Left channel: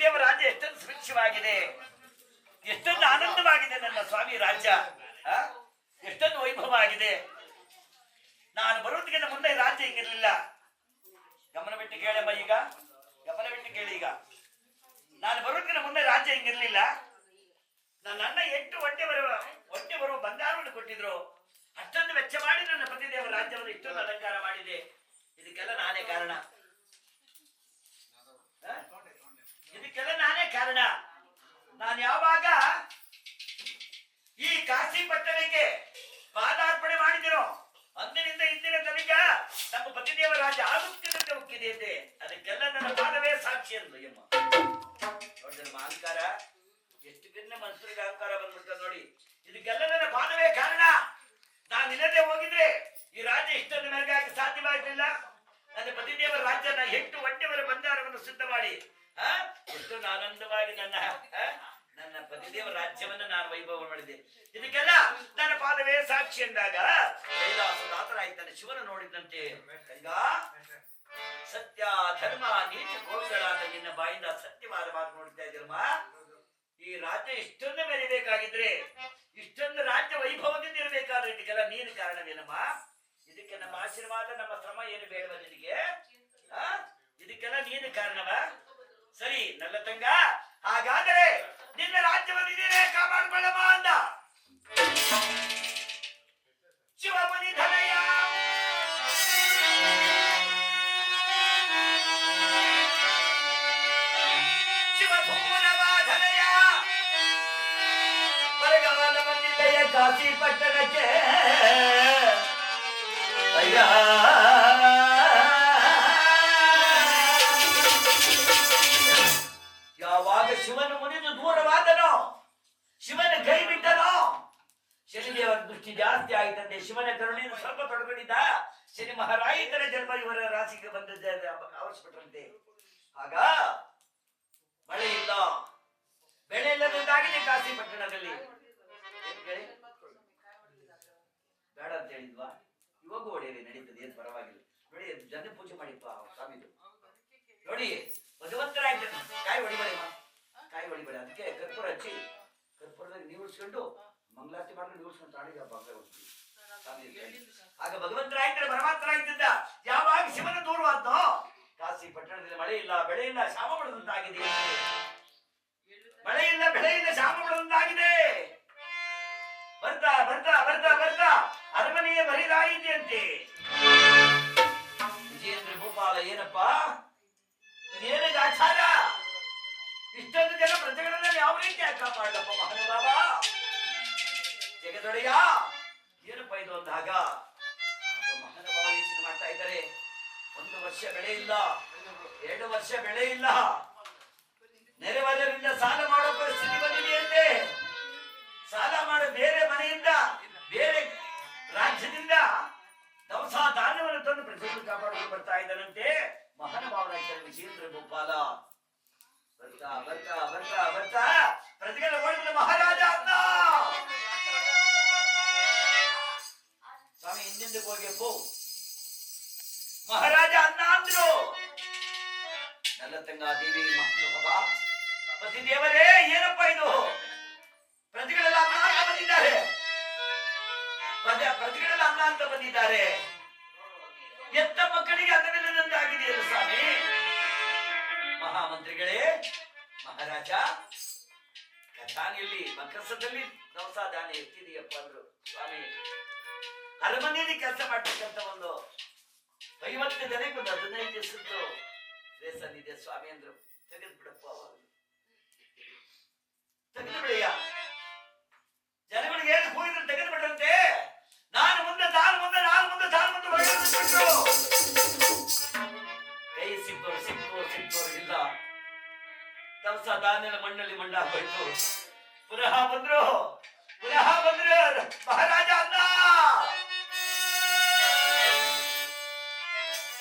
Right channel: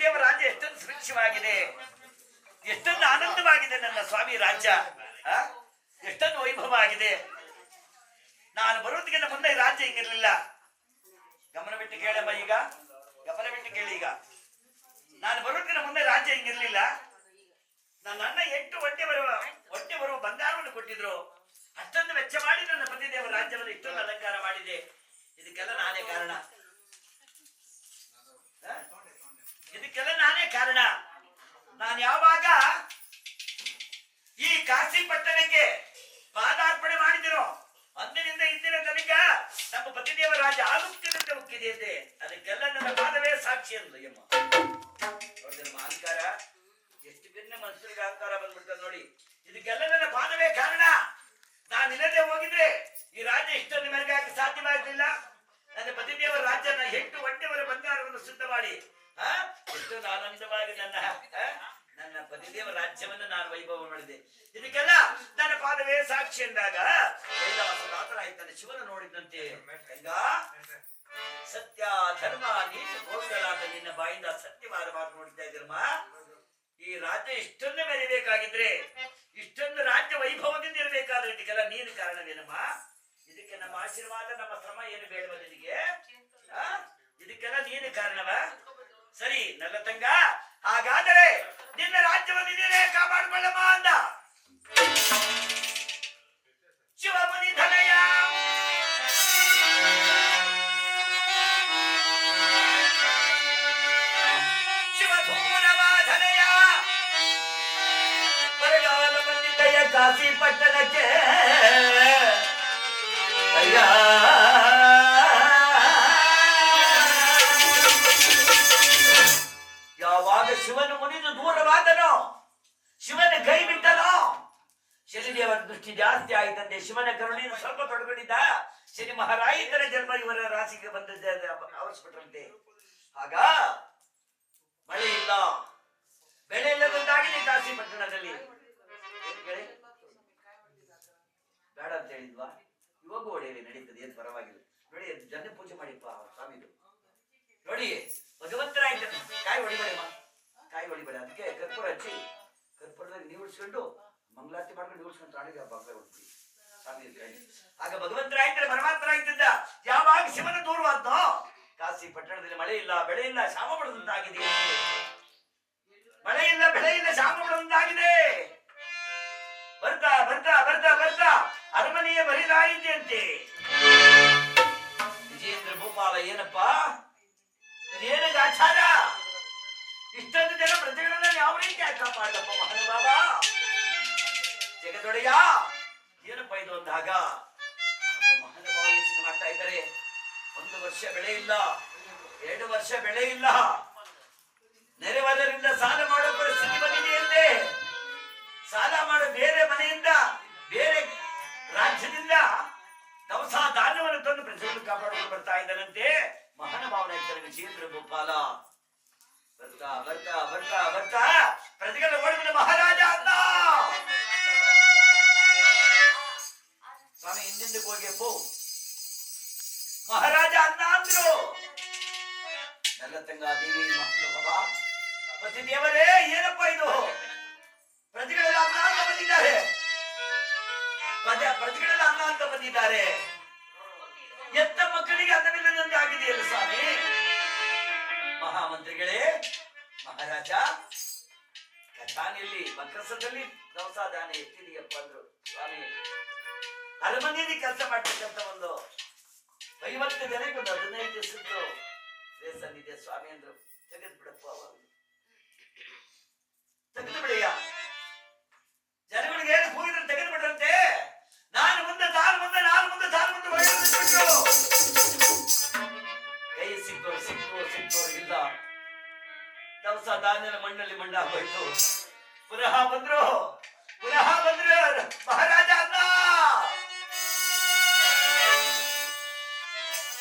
ಪತಿದೇವ ರಾಜ್ಯ ಎಷ್ಟೊಂದು ಸುಭಿಕ್ಷವಾಗಿದೆ, ಎಷ್ಟೊಂದು ಆನಂದವಾಗಿದೆ. ನನ್ನ ಸ್ವಾಮಿ ರಾಜ್ಯ ಎಷ್ಟೊಂದು ವೈಭವ ಆಗಿದೆ. ನಾನು ಬರೋದಕ್ಕಿಂತ ಮುಂದೆ ರಾಜ್ಯ ಹಿಂಗಿರ್ಲಿಲ್ಲ. ಗಮನ ಬಿಟ್ಟು ಕೇಳಮ್ಮ, ಈಗ ಗಮನ ಬಿಟ್ಟು ಕೇಳಿ. ಈಗ ನಾನು ಬರೋದಕ್ಕಿಂತ ಮುಂದೆ ರಾಜ್ಯ ಹಿಂಗಿರ್ಲಿಲ್ಲ. ನನ್ನ ಅಣ್ಣ 8 ಹೊಟ್ಟೆ ಬರುವ ಬಂಗಾರವನ್ನು ಕೊಟ್ಟಿದ್ರು. ಅಷ್ಟೊಂದು ವೆಚ್ಚ ಮಾಡಿ ನನ್ನ ಪತಿದೇವ ರಾಜ್ಯವನ್ನು ಇಷ್ಟೊಂದು ಅಲಂಕಾರ ಮಾಡಿದೆ. ಇದಕ್ಕೆಲ್ಲ ನಾನೇ ಕಾರಣ, ಇದಕ್ಕೆಲ್ಲ ನಾನೇ ಕಾರಣ. ನಾನು ಯಾವಾಗ ಈ ಕಾಶಿ ಪಟ್ಟಣಕ್ಕೆ ಪಾದಾರ್ಪಣೆ ಮಾಡಿದಿರೋ ಅಂದಿನಿಂದ ಇಂದಿನ ತನಕ ನಮ್ಮ ಪತಿದೇವ ರಾಜ್ಯ ಆಗುತ್ತಿದ್ದಂತೆ ಮುಕ್ಕಿದೆ ಅಂತೆ. ಅದಕ್ಕೆಲ್ಲ ನನ್ನ ಪಾದವೇ ಸಾಕ್ಷಿ ಅಂದ್ಲು ಯಮ್ಮ. ನೋಡಿದ್ರೆ ಅಹಂಕಾರ ಎಷ್ಟು ಭಿನ್ನ ಮನುಷ್ಯರಿಗೆ ಅಹಂಕಾರ ಬಂದ್ಬಿಡ್ತದೆ ನೋಡಿ. ಇದಕ್ಕೆಲ್ಲ ನನ್ನ ಪಾದವೇ ಕಾರಣ. ನಾನಿಲ್ಲದೆ ಹೋಗಿದ್ರೆ ಈ ರಾಜ್ಯ ಇಷ್ಟೊಂದು ಮೆರಗಾಗಿ ಸಾಧ್ಯವಾಗಲಿಲ್ಲ. ನನ್ನ ಪತಿದೇವರ ರಾಜ್ಯನ 8 ಹೊಟ್ಟೆವರ ಬಂಗಾರವನ್ನು ಸಿದ್ಧ ಮಾಡಿ ಎಷ್ಟೊಂದು ಆನಂದವಾಗಿ ನನ್ನ ಪತಿದೇವರ ರಾಜ್ಯವನ್ನು ನಾನು ವೈಭವ ಮಾಡಿದೆ. ಇದಕ್ಕೆಲ್ಲ ನನ್ನ ಪಾದವೇ ಸಾಕ್ಷಿ ಎಂದಾಗ ಕೈಲಾಸದಾತನಾಯ್ತಾನೆ ಶಿವನ ನೋಡಿದಂತೆ, ಸತ್ಯ ಧರ್ಮ ನೀತಿ ಗೋಚರಾದ ನಿನ್ನ ಬಾಯಿಂದ ಸತ್ಯವಾದ ಮಾತು ನೋಡ್ತಾ ಇದ್ದೀರಮ್ಮ. ಈ ರಾಜ್ಯ ಇಷ್ಟೊಂದು ಮೆರಿಬೇಕಾಗಿದ್ರೆ, ಇಷ್ಟೊಂದು ರಾಜ್ಯ ವೈಭವದಿಂದ ಇರಬೇಕಾದ್ರೆ ಇದಕ್ಕೆಲ್ಲ ನೀನು ಕಾರಣವೇನಮ್ಮ. ಇದಕ್ಕೆ ನಮ್ಮ ಆಶೀರ್ವಾದ ನಮ್ಮ ಶ್ರಮ ಏನು ಬೇಡವ ನಿನಗೆ? ಇದಕ್ಕೆಲ್ಲ ನೀನು ಕಾರಣವ? ಸರಿ ನನ್ನ ತಂಗ, ಹಾಗಾದರೆ ನಿನ್ನ ರಾಜ್ಯವನ್ನು ನೀನೇ ಕಾಪಾಡಿಕೊಳ್ಳಮ್ಮ ಅಂದ ಶಿವಮುನಿ ಧನಯ. ಶಿವಧೂರವಾಧನಯ ಬರಗಾಲ ಬಂದಿದ್ದಯ್ಯ ಕಾಶಿ ಪಟ್ಟಣಕ್ಕೆ. ಅಯ್ಯ ಯಾವಾಗ ಶಿವನು ಮುನಿದು ದೂರವಾದನೋ, ಶಿವನ ಕೈ ಬಿಟ್ಟನೋ, ಶನಿದೇವರ ದೃಷ್ಟಿ ಜಾಸ್ತಿ ಆಯ್ತಂತೆ. ಶಿವನ ಕರುಣೆಯನ್ನು ಸ್ವಲ್ಪ ತೊಡಕೊಂಡಿದ್ದ ಶನಿ ಮಹಾರಾಯಿತರ ಜನ್ಮ ಇವರ ರಾಶಿಗೆ ಬಂದದ್ದೇ ಅವಶ್ಯಪಟ್ಟಂತೆ. ಆಗ ಮಳೆ ಇಲ್ಲ, ಬೆಳೆ ಇಲ್ಲದಂತಾಗಿದೆ ಕಾಶಿ ಪಟ್ಟಣದಲ್ಲಿ. ಬೇಡ ಅಂತ ಹೇಳಿದ್ವಾ? ಇವಾಗ ಒಡೆಯಲಿ ನಡೀತದೆ, ಏನ್ ಪರವಾಗಿಲ್ಲ. ನೋಡಿ ಜನ ಪೂಜೆ ಮಾಡಿಪ್ಪ ಸ್ವಾಮಿದು. ನೋಡಿ ಭಗವಂತರಾಯ್ತ ಕಾಯಿ ಹೊಡಿಬೇಡಮ್ಮ, ಕಾಯಿ ಹೊಡಿಬೇಡ. ಅದಕ್ಕೆ ಕರ್ಪೂರ ಹಚ್ಚಿ ಕರ್ಪೂರದಲ್ಲಿ ನೀವು ಉಳಿಸ್ಕೊಂಡು ಮಂಗಳಾರತಿ ಮಾಡ್ಕೊಂಡು ಉಳಿಸ್ಕೊಂಡು ತಾಳಿಗೆ ಬಂಗಾರ ಹೊಡ್ತೀವಿ ಸ್ವಾಮಿ. ಆಗ ಭಗವಂತರಾಯ್ತಾರೆ, ಪರಮಾತ್ಮರಾಯ್ತಿದ್ದ. ಯಾವಾಗ ಶಿವನ ದೂರವಾದ್ನೋ ಕಾಶಿ ಪಟ್ಟಣದಲ್ಲಿ ಮಳೆ ಇಲ್ಲ, ಬೆಳೆ ಇಲ್ಲ, ಶಾಮ ಬಿಡದಂತಾಗಿದೆ. ಮಳೆ ಇಲ್ಲ, ಬೆಳೆ ಇಲ್ಲ, ಶಾಮ ಬಿಡದಂತಾಗಿದೆ. ಬರ್ತಾ ಬರ್ತಾ ಬರ್ತಾ ಬರ್ತಾ ಅರಮನೆಯ ಬರಿದಾಯಿತೆಯಂತೆ. ವಿಜೇಂದ್ರ ಭೂಪಾಲ, ಏನಪ್ಪಾ ಏನಾಗ ಆಚಾರ? ಇಷ್ಟೊಂದು ಜನ ಪ್ರಜೆಗಳನ್ನ ಯಾವ ರೀತಿ ಕಾಪಾಡಪ್ಪ ಮಹಾನುಭಾವ ಜಗದೊಡೆಯ, ಏನಪ್ಪ ಇದು ಅಂದಾಗ ಮಹಾನುಭಾವ ಯೋಚನೆ ಮಾಡ್ತಾ ಇದ್ದಾರೆ. 1 ವರ್ಷ ಬೆಳೆ ಇಲ್ಲ, 2 ವರ್ಷ ಬೆಳೆ ಇಲ್ಲ, ನೆರೆವದರಿಂದ ಸಾಲ ಮಾಡೋ ಪರಿಸ್ಥಿತಿ ಬಂದಿದೆಯಂತೆ. ಸಾಲ ಮಾಡೋ ಬೇರೆ ಮನೆಯಿಂದ, ಬೇರೆ ರಾಜ್ಯದಿಂದ ದವಸ ಧಾನ್ಯವನ್ನು ತಂದು ಪ್ರಜೆಗಳನ್ನು ಕಾಪಾಡಿಕೊಂಡು ಬರ್ತಾ ಇದ್ದಾನಂತೆ ಮಹಾನುಭಾವನ ವಿಜೇಂದ್ರ ಗೋಪಾಲ. ಬರ್ತಾ ಬರ್ತಾ ಬರ್ತಾ ಬರ್ತಾ ಪ್ರಜೆಗಳ ಓಡಿದ ಮಹಾರಾಜ ಅನ್ನ ಸ್ವಾಮಿ ಹಿಂದಿಂದಕ್ಕೆ ಹೋಗ್ಯಪ್ಪು. ಮಹಾರಾಜ ಅನ್ನ ಅಂದ್ರು. ನಲ್ಲತಂಗ ದೇವಿ ಮಹಾನುಭಾವ, ಪತಿ ದೇವರೇ ಏನಪ್ಪ ಇದು? ಪ್ರಜೆಗಳೆಲ್ಲ ಅನ್ನ ಅಂತ ಬಂದಿದ್ದಾರೆ, ಪ್ರಜೆಗಳೆಲ್ಲ ಅನ್ನ ಅಂತ ಬಂದಿದ್ದಾರೆ. ಎತ್ತ ಮಕ್ಕಳಿಗೆ ಅನ್ನವಿಲ್ಲದಂತೆ ಆಗಿದೆಯಲ್ಲ ಸ್ವಾಮಿ. ಮಹಾಮಂತ್ರಿಗಳೇ, ಮಹಾರಾಜ ಕಥಾನಿಯಲ್ಲಿ ಮಕಸದಲ್ಲಿ ದವಸ ಧಾನ್ಯ ಎತ್ತಿದೆಯಪ್ಪ ಅಂದ್ರು ಸ್ವಾಮಿ. ಅರಮನೆಯಲ್ಲಿ ಕೆಲಸ ಮಾಡ್ತಕ್ಕಂಥ ಒಂದು 50 ಜನಕ್ಕೆ ಒಂದು 15 ದಿವಸದ್ದು ರೇಷನ್ ಇದೆ ಸ್ವಾಮಿ ಅಂದ್ರು. ತೆಗೆದು ಬಿಡಪ್ಪ, ಅವಾಗ ತೆಗೆದು ಬಿಡಯ್ಯ. ಜನಗಳಿಗೆ ಏನು ಹೋಗಿದ್ರೆ ತೆಗೆದು ಬಿಡ್ರಂತೆ. ನಾನು ಮುಂದೆ ತಾನು ಮುಂದೆ, ನಾನು ಮುಂದೆ ತಾನು ಮುಂದೆ ಹೊರಬಿಟ್ಟು ಕೈ ಸಿಕ್ತೋರು ಇಲ್ಲ. ದವಸ ಧಾನ್ಯದ ಮಣ್ಣಲ್ಲಿ ಮಣ್ಣಾಗೋಯ್ತು. ಪುನಃ ಬಂದ್ರು ಮಹಾರಾಜ ಅನ್ನ.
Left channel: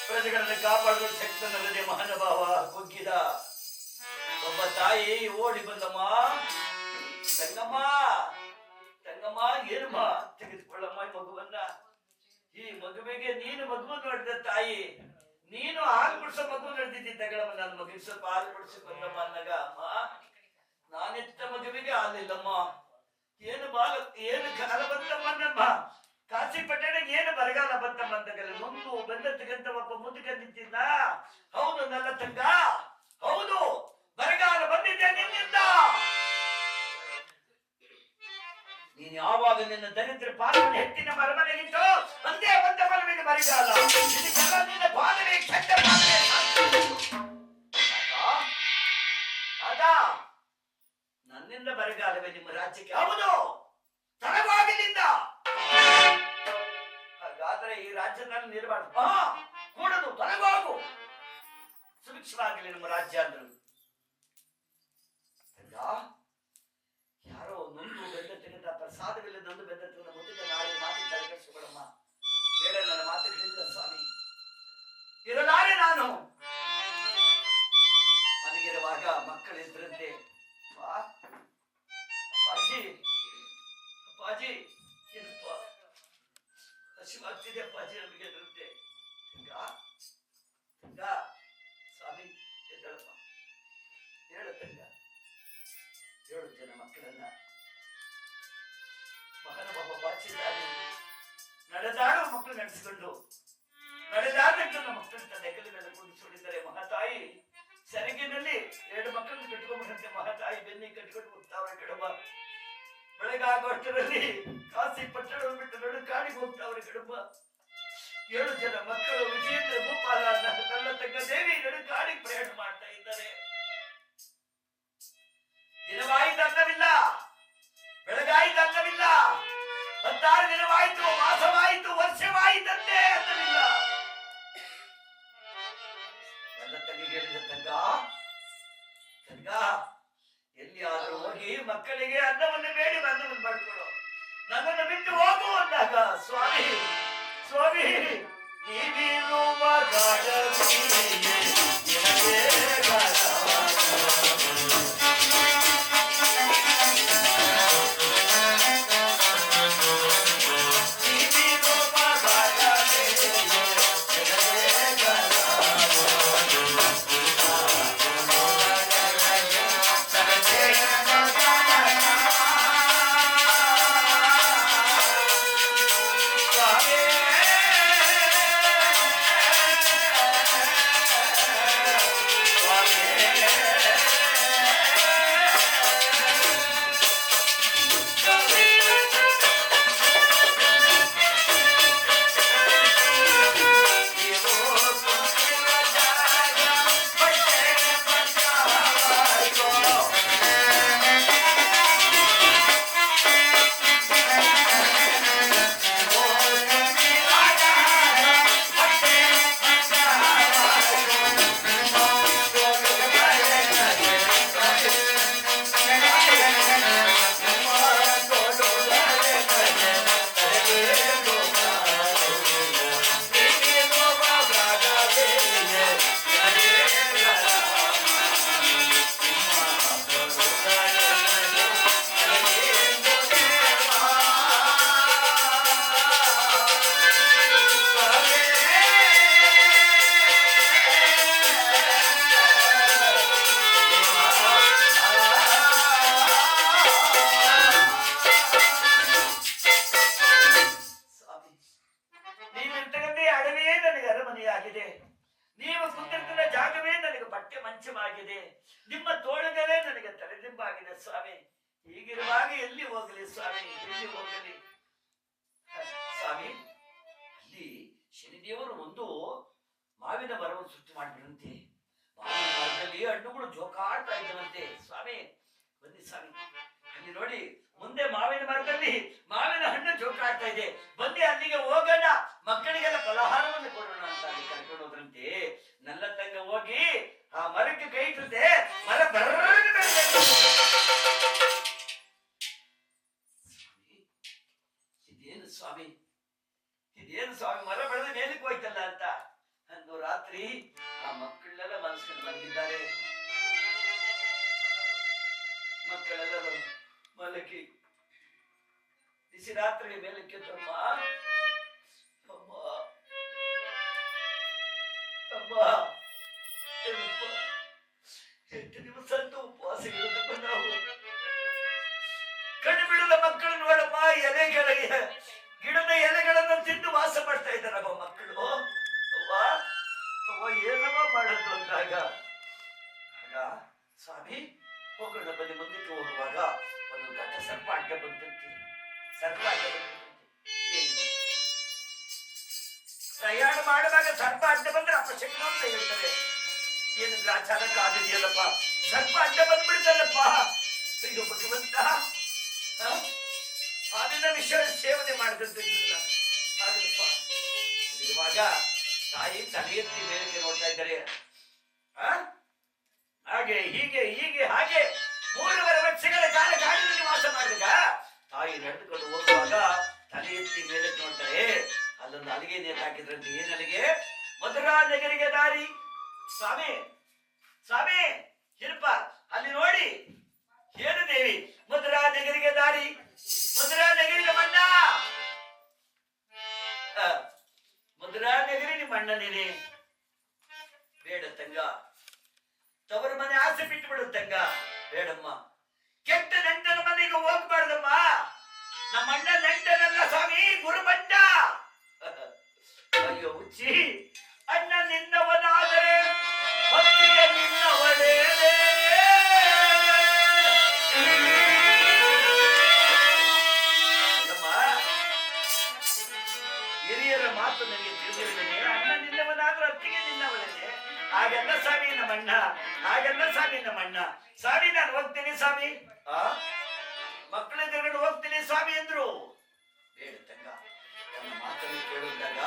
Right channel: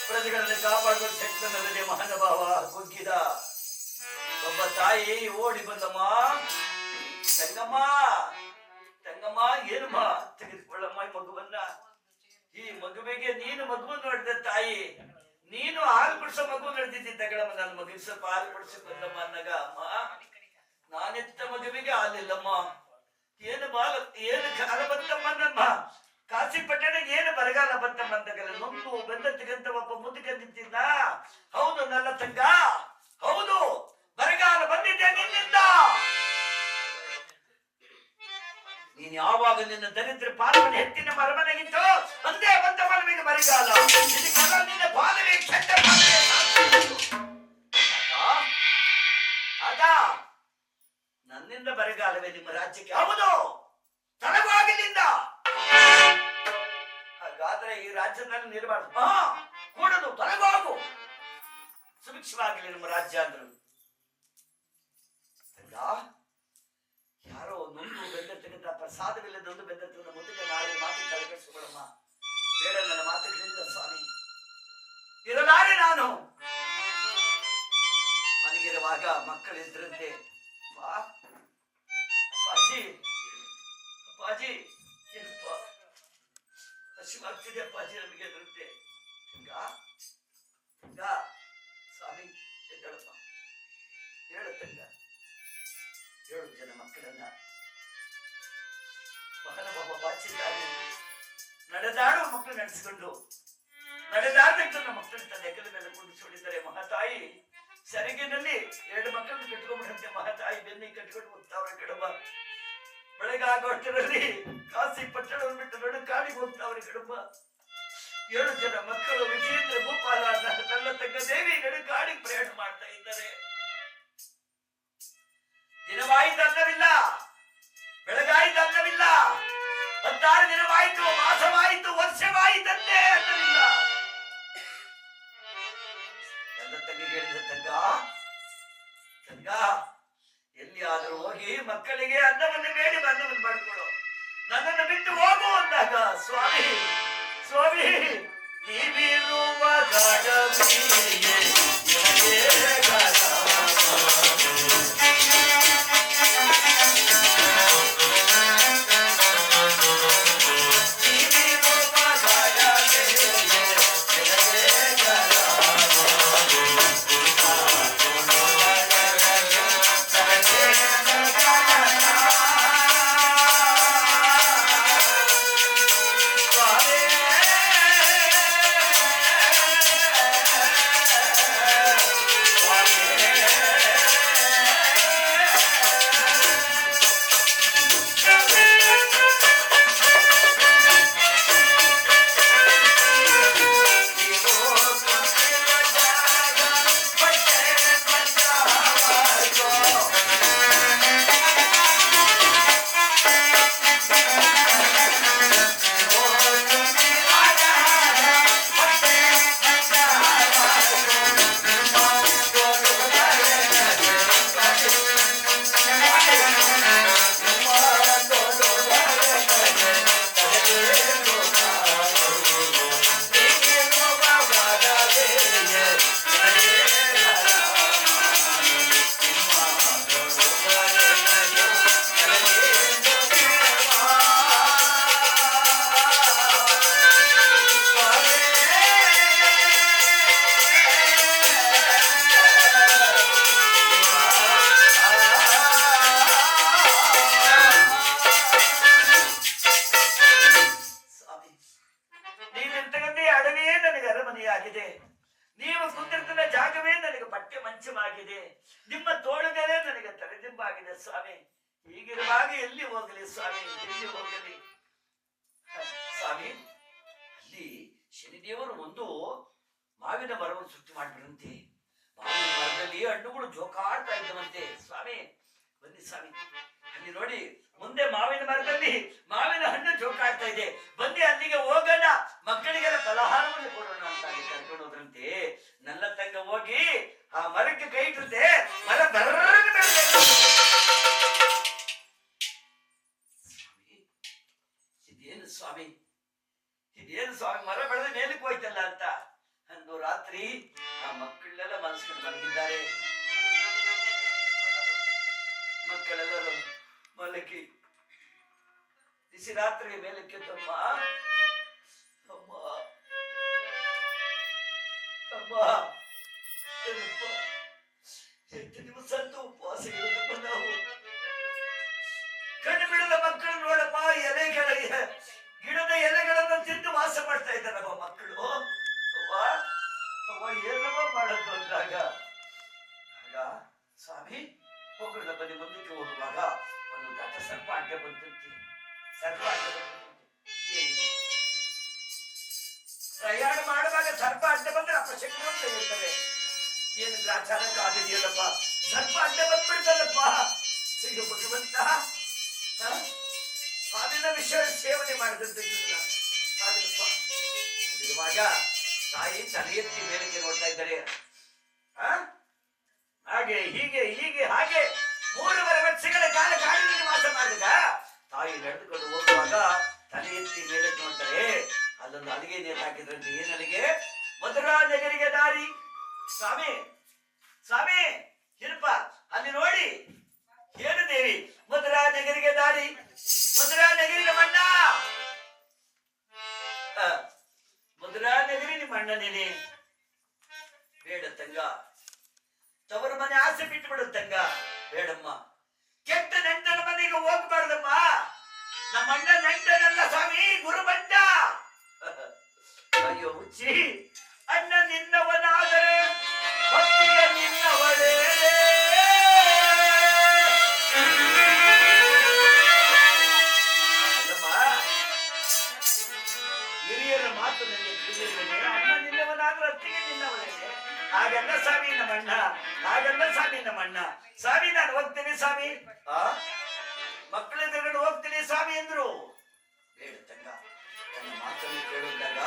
ಪ್ರಜೆಗಳನ್ನು ಕಾಪಾಡುವ ಶಕ್ತನಲ್ಲದೆ ಮಹಾನುಭಾವ ಕುಗ್ಗಿದ. ಒಬ್ಬ ತಾಯಿ ಓಡಿ ಬಂದಮ್ಮ, ತಂಗಮ್ಮ ಏನಮ್ಮ ತೆಗೆದುಕೊಳ್ಳಮ್ಮ ಈ ಮಗುವನ್ನ. ಈ ಮಗುವಿಗೆ ನೀನು ಮಗುವನ್ನು ನೋಡಿದ ತಾಯಿ, ನೀನು ಹಾಲು ಕುಡಿಸೋ ಮಗು ನಡೆದಿದ್ದಗಳಮ್ಮ, ನನ್ನ ಮಗುವಿಗೆ ಸ್ವಲ್ಪ ಹಾಲು ಕುಡಿಸಿ ಬಂದಮ್ಮ ಅಂದಾಗ, ಅಮ್ಮ ನಾನೆತ್ತ ಮಗುವಿಗೆ ಹಾಲಿಲ್ಲಮ್ಮ. ಏನು ಏನು ಕಾಲ ಬಂತಮ್ಮನಮ್ಮ, ಕಾಶಿ ಪಟ್ಟಣ ಏನು ಬರಗಾಲ ಬಂತಮ್ಮ ಅಂದಾಗಲ್ಲ ನೊಂದು ಬೆಂದತ್ತಗಂತ ಒಬ್ಬ ಮುದುಕ ನಿಂತಿದ್ದ. ಹೌದು ನನ್ನ ತಂಗ, ಹೌದು ಬರಗಾಲ ಬಂದಿದ್ದೆ ನಿನ್ನಿಂದ. ನೀನ್ ಯಾವಾಗ ನಿನ್ನ ದರಿದ್ರ ಪಾದವನ್ನು ಹೆಚ್ಚಿನ ಮರಮನೆಗಿತ್ತು ಅಂದೇ ಬಂದ ಮನವಿಗೆ ಬರಗಾಲ. ಇದಕ್ಕೆಲ್ಲ ನಿನ್ನ ಪಾದವೇ ಕೆಟ್ಟ ಪಾದವೇ. ನನ್ನಿಂದ ಬರಗಾಲವೇ ನಿಮ್ಮ ರಾಜ್ಯಕ್ಕೆ? ಹೌದು, ತಡವಾಗಿಲ್ಲಿಂದ. ಹಾಗಾದ್ರೆ ಈ ರಾಜ್ಯದಲ್ಲಿ ನಿರ್ಬಾರ್ದು, ಕೂಡದು, ತಡವಾಗು, ಸುಭಿಕ್ಷವಾಗಿಲ್ಲ ನಮ್ಮ ರಾಜ್ಯ ಅಂದ್ರು. ಯಾರೋ ನೊಂದು ಬೆಂದರ್ತಕ್ಕಂಥ ಪ್ರಸಾದವಿಲ್ಲದೊಂದು ಬೆಂದರ್ತಕ್ಕಂಥ ಮುದುಕ ನಾಳೆ ಮಾತು ತಲೆಕೆಡಿಸಿಕೊಳ್ಳಮ್ಮ. ಬೇಡ, ನನ್ನ ಮಾತುಗಳಿಲ್ಲ ಸ್ವಾಮಿ, ಇರಲಾರೆ ನಾನು. ಮಲಗಿರುವಾಗ ಮಕ್ಕಳಿದ್ರಂತೆ, ಅಪ್ಪಾಜಿ ಅಪ್ಪಾಜಿ ಏನಪ್ಪ ಹಸಿವಾಗ್ತಿದೆ ಅಪ್ಪಾಜಿ ನಮಗೆ ಅಂದ್ರಂತೆ. ಸ್ವಾಮಿ ಎದ್ದಳಪ್ಪ, ಹೇಳು ತಂಗ, 7 ಜನ ಮಕ್ಕಳನ್ನ ಮಗನ ಒಬ್ಬ ಬಾಚಿದ್ದಾರೆ. ನಡೆದಾಡುವ ಮಕ್ಕಳು ನಡೆಸಿಕೊಂಡು ನಡೆದಾಡದಂತ ಮಕ್ಕಳ ನೆಗಲ ಮೇಲೆ ಕುಂಡಿಸಿಕೊಂಡಿದ್ದಾರೆ. ಮಹಾತಾಯಿ ಸೆರಗಿನಲ್ಲಿ 2 ಮಕ್ಕಳನ್ನು ಕಟ್ಕೊಂಡ್ಬಿಡಂತೆ. ಮಹಾತಾಯಿ ಬೆನ್ನಿ ಕಟ್ಕೊಂಡು ಹೋಗ್ತಾವ್ರೆ ಕಡಬ. ಬೆಳಗಾಗುವಷ್ಟರಲ್ಲಿ ಕಾಶಿ ಪಟ್ಟಣವನ್ನು ಬಿಟ್ಟು ನಡು ಕಾಡಿಗೆ ಹೋಗ್ತಾವ್ರೆ ಕಡಬ. 7 ಜನ ಮಕ್ಕಳು ವಿಜೇಂದ್ರ ಭೂಪಾಲ ನನ್ನ ತಂಗ ದೇವಿ ನಡು ಕಾಡಿಗೆ ಪ್ರಯಾಣ ಮಾಡ್ತಾ ಇದ್ದಾರೆ. ದಿನವಾಯಿತು ಅನ್ನವಿಲ್ಲ, ಬೆಳಗಾಯಿತು ಅನ್ನವಿಲ್ಲ, 16 ದಿನವಾಯಿತು, ಮಾಸವಾಯಿತು, ವರ್ಷವಾಯಿತಂತೆ ಅನ್ನವಿಲ್ಲ. ನನ್ನ ತಂಗಿಗೆ ಹೇಳಿದ ತಂಗ, ಎಲ್ಲಿಯಾದರೂ ಹೋಗಿ ಮಕ್ಕಳಿಗೆ ಅನ್ನವನ್ನು ಬೇಡಿ ಅನ್ನವನ್ನು ಮಾಡಿಕೊಡು, ನನ್ನನ್ನು ಬಿಟ್ಟು ಹೋಗು ಅಂದಾಗ, ಸ್ವಾಮಿ ಸ್ವಾಮಿ ನೀವಿರುವ ನೀವು ಕುಂತಿರ್ತಿನ ಜಾಗವೇ ನನಗೆ ಪಠ್ಯ ಮಂಚವಾಗಿದೆ, ನಿಮ್ಮ ತೋಳುಗಳೇ ನನಗೆ ತಲೆದಿಂಬಾಗಿದೆ ಸ್ವಾಮಿ. ಹೀಗಿರುವಾಗ ಎಲ್ಲಿ ಹೋಗಲಿ ಸ್ವಾಮಿ, ಎಲ್ಲಿ ಹೋಗಲಿ ಸ್ವಾಮಿ? ಅಲ್ಲಿ ಶನಿದೇವರು ಒಂದು ಮಾವಿನ ಮರವನ್ನು ಸೃಷ್ಟಿ ಮಾಡಿಬಿಡಂತೆ. ಮಾವಿನ ಮರದಲ್ಲಿ ಹಣ್ಣುಗಳು ಜೋಕಾಡ್ತಾ ಇದ್ದವಂತೆ. ಸ್ವಾಮಿ ಬನ್ನಿ ಸ್ವಾಮಿ, ಅಲ್ಲಿ ನೋಡಿ ಮುಂದೆ ಮಾವಿನ ಮರದಲ್ಲಿ ಮಾವಿನ ಹಣ್ಣು ಜೋಕಾಡ್ತಾ ಇದೆ, ಬನ್ನಿ ಅಲ್ಲಿಗೆ ಹೋಗೋಣ, ಮಕ್ಕಳಿಗೆಲ್ಲ ಫಲಹಾರವನ್ನು ಕೊಡೋಣ ಅಂತ ಅಲ್ಲಿ ಕರ್ಕೊಂಡು ಹೋದ್ರಂತೆ. ನನ್ನ ತಂಗ ಹೋಗಿ ಆ ಮರಕ್ಕೆ ಕೈ ಇಟ್ಟಂತೆ, ಮರ ಬರ್ರನೆ ಬೆಳೆದ. ಇದೇನು ಸ್ವಾಮಿ, ಇದೇನು ಸ್ವಾಮಿ, ಮರ ಬೆಳೆದ ಮೇಲಕ್ಕೆ ಹೋಯ್ತಲ್ಲ ಅಂತ ಅಂದು ರಾತ್ರಿ ಆ ಮಕ್ಕಳೆಲ್ಲ ಮನಸ್ಕೊಂಡು ಮಲಗಿದ್ದಾರೆ. ಮಕ್ಕಳೆಲ್ಲರೂ ಮಲಗಿ ಬಿಸಿ ರಾತ್ರಿ ಮೇಲಕ್ಕೆ ತಮ್ಮ ಅಮ್ಮ ಅಮ್ಮ ಅಮ್ಮ ಏನಪ್ಪ, ಎಷ್ಟು ದಿವಸ ಅಂತ ಉಪವಾಸ ಇರೋದಪ್ಪ ನಾವು. ಕಣ್ಣು ಬಿಡದ ಮಕ್ಕಳು ನೋಡಪ್ಪ, ಎಲೆಗಳ ಗಿಡದ ಎಲೆಗಳನ್ನ ತಿಂದು ವಾಸ ಮಾಡ್ತಾ ಇದ್ದಾರಪ್ಪ ಮಕ್ಕಳು. ಅವ್ವ ಅವ್ವ ಏನಮ್ಮ ಮಾಡೋದು ಅಂದಾಗ ಆಗ ಸ್ವಾಮಿ ಹೋಗೋಣ ಬನ್ನಿ, ಮುಂದಕ್ಕೆ ಹೋಗುವಾಗ ಒಂದು ದಟ್ಟ ಸರ್ಪ ಅಡ್ಡ ಬಂದಂತೆ. ಸರ್ಪ ಅಡ್ಡ ಬಂದಂತೆ. ಪ್ರಯಾಣ ಮಾಡುವಾಗ ಸರ್ಪ ಅಡ್ಡ ಬಂದ್ರೆ ಅಪಶಕನ ಅಂತ ಹೇಳ್ತಾರೆ. ಏನು ಗ್ರಾಚಾರ ಕಾದಿದೆಯಲ್ಲಪ್ಪ, ಸರ್ಪ ಅಡ್ಡ ಬಂದ್ಬಿಡ್ತಲ್ಲಪ್ಪ. ಈಗ ಭಗವಂತ ಸ್ವಾಮಿನ ವಿಷಯ ಸೇವನೆ ಮಾಡಿದಂತಿಲ್ಲ. ಇರುವಾಗ ತಾಯಿ ತಲೆ ಎತ್ತಿ ಮೇಲಕ್ಕೆ ನೋಡ್ತಾ ಇದ್ದಾರೆ. ಹಾಗೆ ಹೀಗೆ ಹೀಗೆ ಹಾಗೆ 3.5 ವರ್ಷಗಳ ಕಾಲ ಕಾಡಿನಲ್ಲಿ ವಾಸ ಮಾಡಿದಾಗ ತಾಯಿ ನಡೆದುಕೊಂಡು ಹೋಗುವಾಗ ತಲೆ ಎತ್ತಿ ಮೇಲಕ್ಕೆ ನೋಡ್ತಾರೆ. ಅಲ್ಲೊಂದು ಅಲಿಗೆ ನೇತು ಹಾಕಿದ್ರಂತೆ. ಏನ್ ಅಲಿಗೆ? ಮಧುರಾ ನಗರಿಗೆ ದಾರಿ. ಸ್ವಾಮಿ ಸ್ವಾಮಿ ಇರಪ್ಪ ಅಲ್ಲಿ ನೋಡಿ. ಏನು ದೇವಿ? ಮಧುರಾ ನಗರಿಗೆ ದಾರಿ. ಮಧುರಾ ನಗರಿ ನಮ್ಮಣ್ಣ. ಮಧುರಾ ನಗರಿ ನಿಮ್ಮ ಅಣ್ಣನೇನೆ. ಬೇಡ ತಂಗ, ತವರ ಮನೆ ಆಸೆ ಬಿಟ್ಟು ಬಿಡು ತಂಗ. ಬೇಡಮ್ಮ, ಕೆಟ್ಟ ನೆಂಟನ ಮನೆಗೆ ಹೋಗ್ಬಾರ್ದಮ್ಮ. ನಮ್ಮ ಅಣ್ಣ ನೆಂಟನಲ್ಲ ಸ್ವಾಮಿ, ಗುರುಬಂಟ. ಅಯ್ಯೋ ಹುಚ್ಚಿ, ಅಣ್ಣ ನಿನ್ನವನಾದರೆ ಭಕ್ತಿಗೆ ನಿನ್ನವಳೇ. ಹಿರಿಯರ ಮಾತು ನನಗೆ ತಿಳಿದಿದ್ದೇನೆ. ಅಣ್ಣ ನಿನ್ನವನಾದ್ರೂ ಅತ್ತಿಗೆ ನಿನ್ನವಳೇ. ಹಾಗೆಲ್ಲ ಸ್ವಾಮಿ ನಮ್ಮಣ್ಣ, ಹಾಗೆಲ್ಲ ಸ್ವಾಮಿ ನಮ್ಮಣ್ಣ. ಸ್ವಾಮಿ ನಾನು ಹೋಗ್ತೀನಿ ಸ್ವಾಮಿ. ಮಕ್ಕಳೆದುರುಗಡೆ ಹೋಗ್ತೀನಿ ಸ್ವಾಮಿ ಎಂದ್ರು. ಬೇಡ ತಂಗ, ನನ್ನ ಮಾತನ್ನು ಕೇಳಿದಾಗ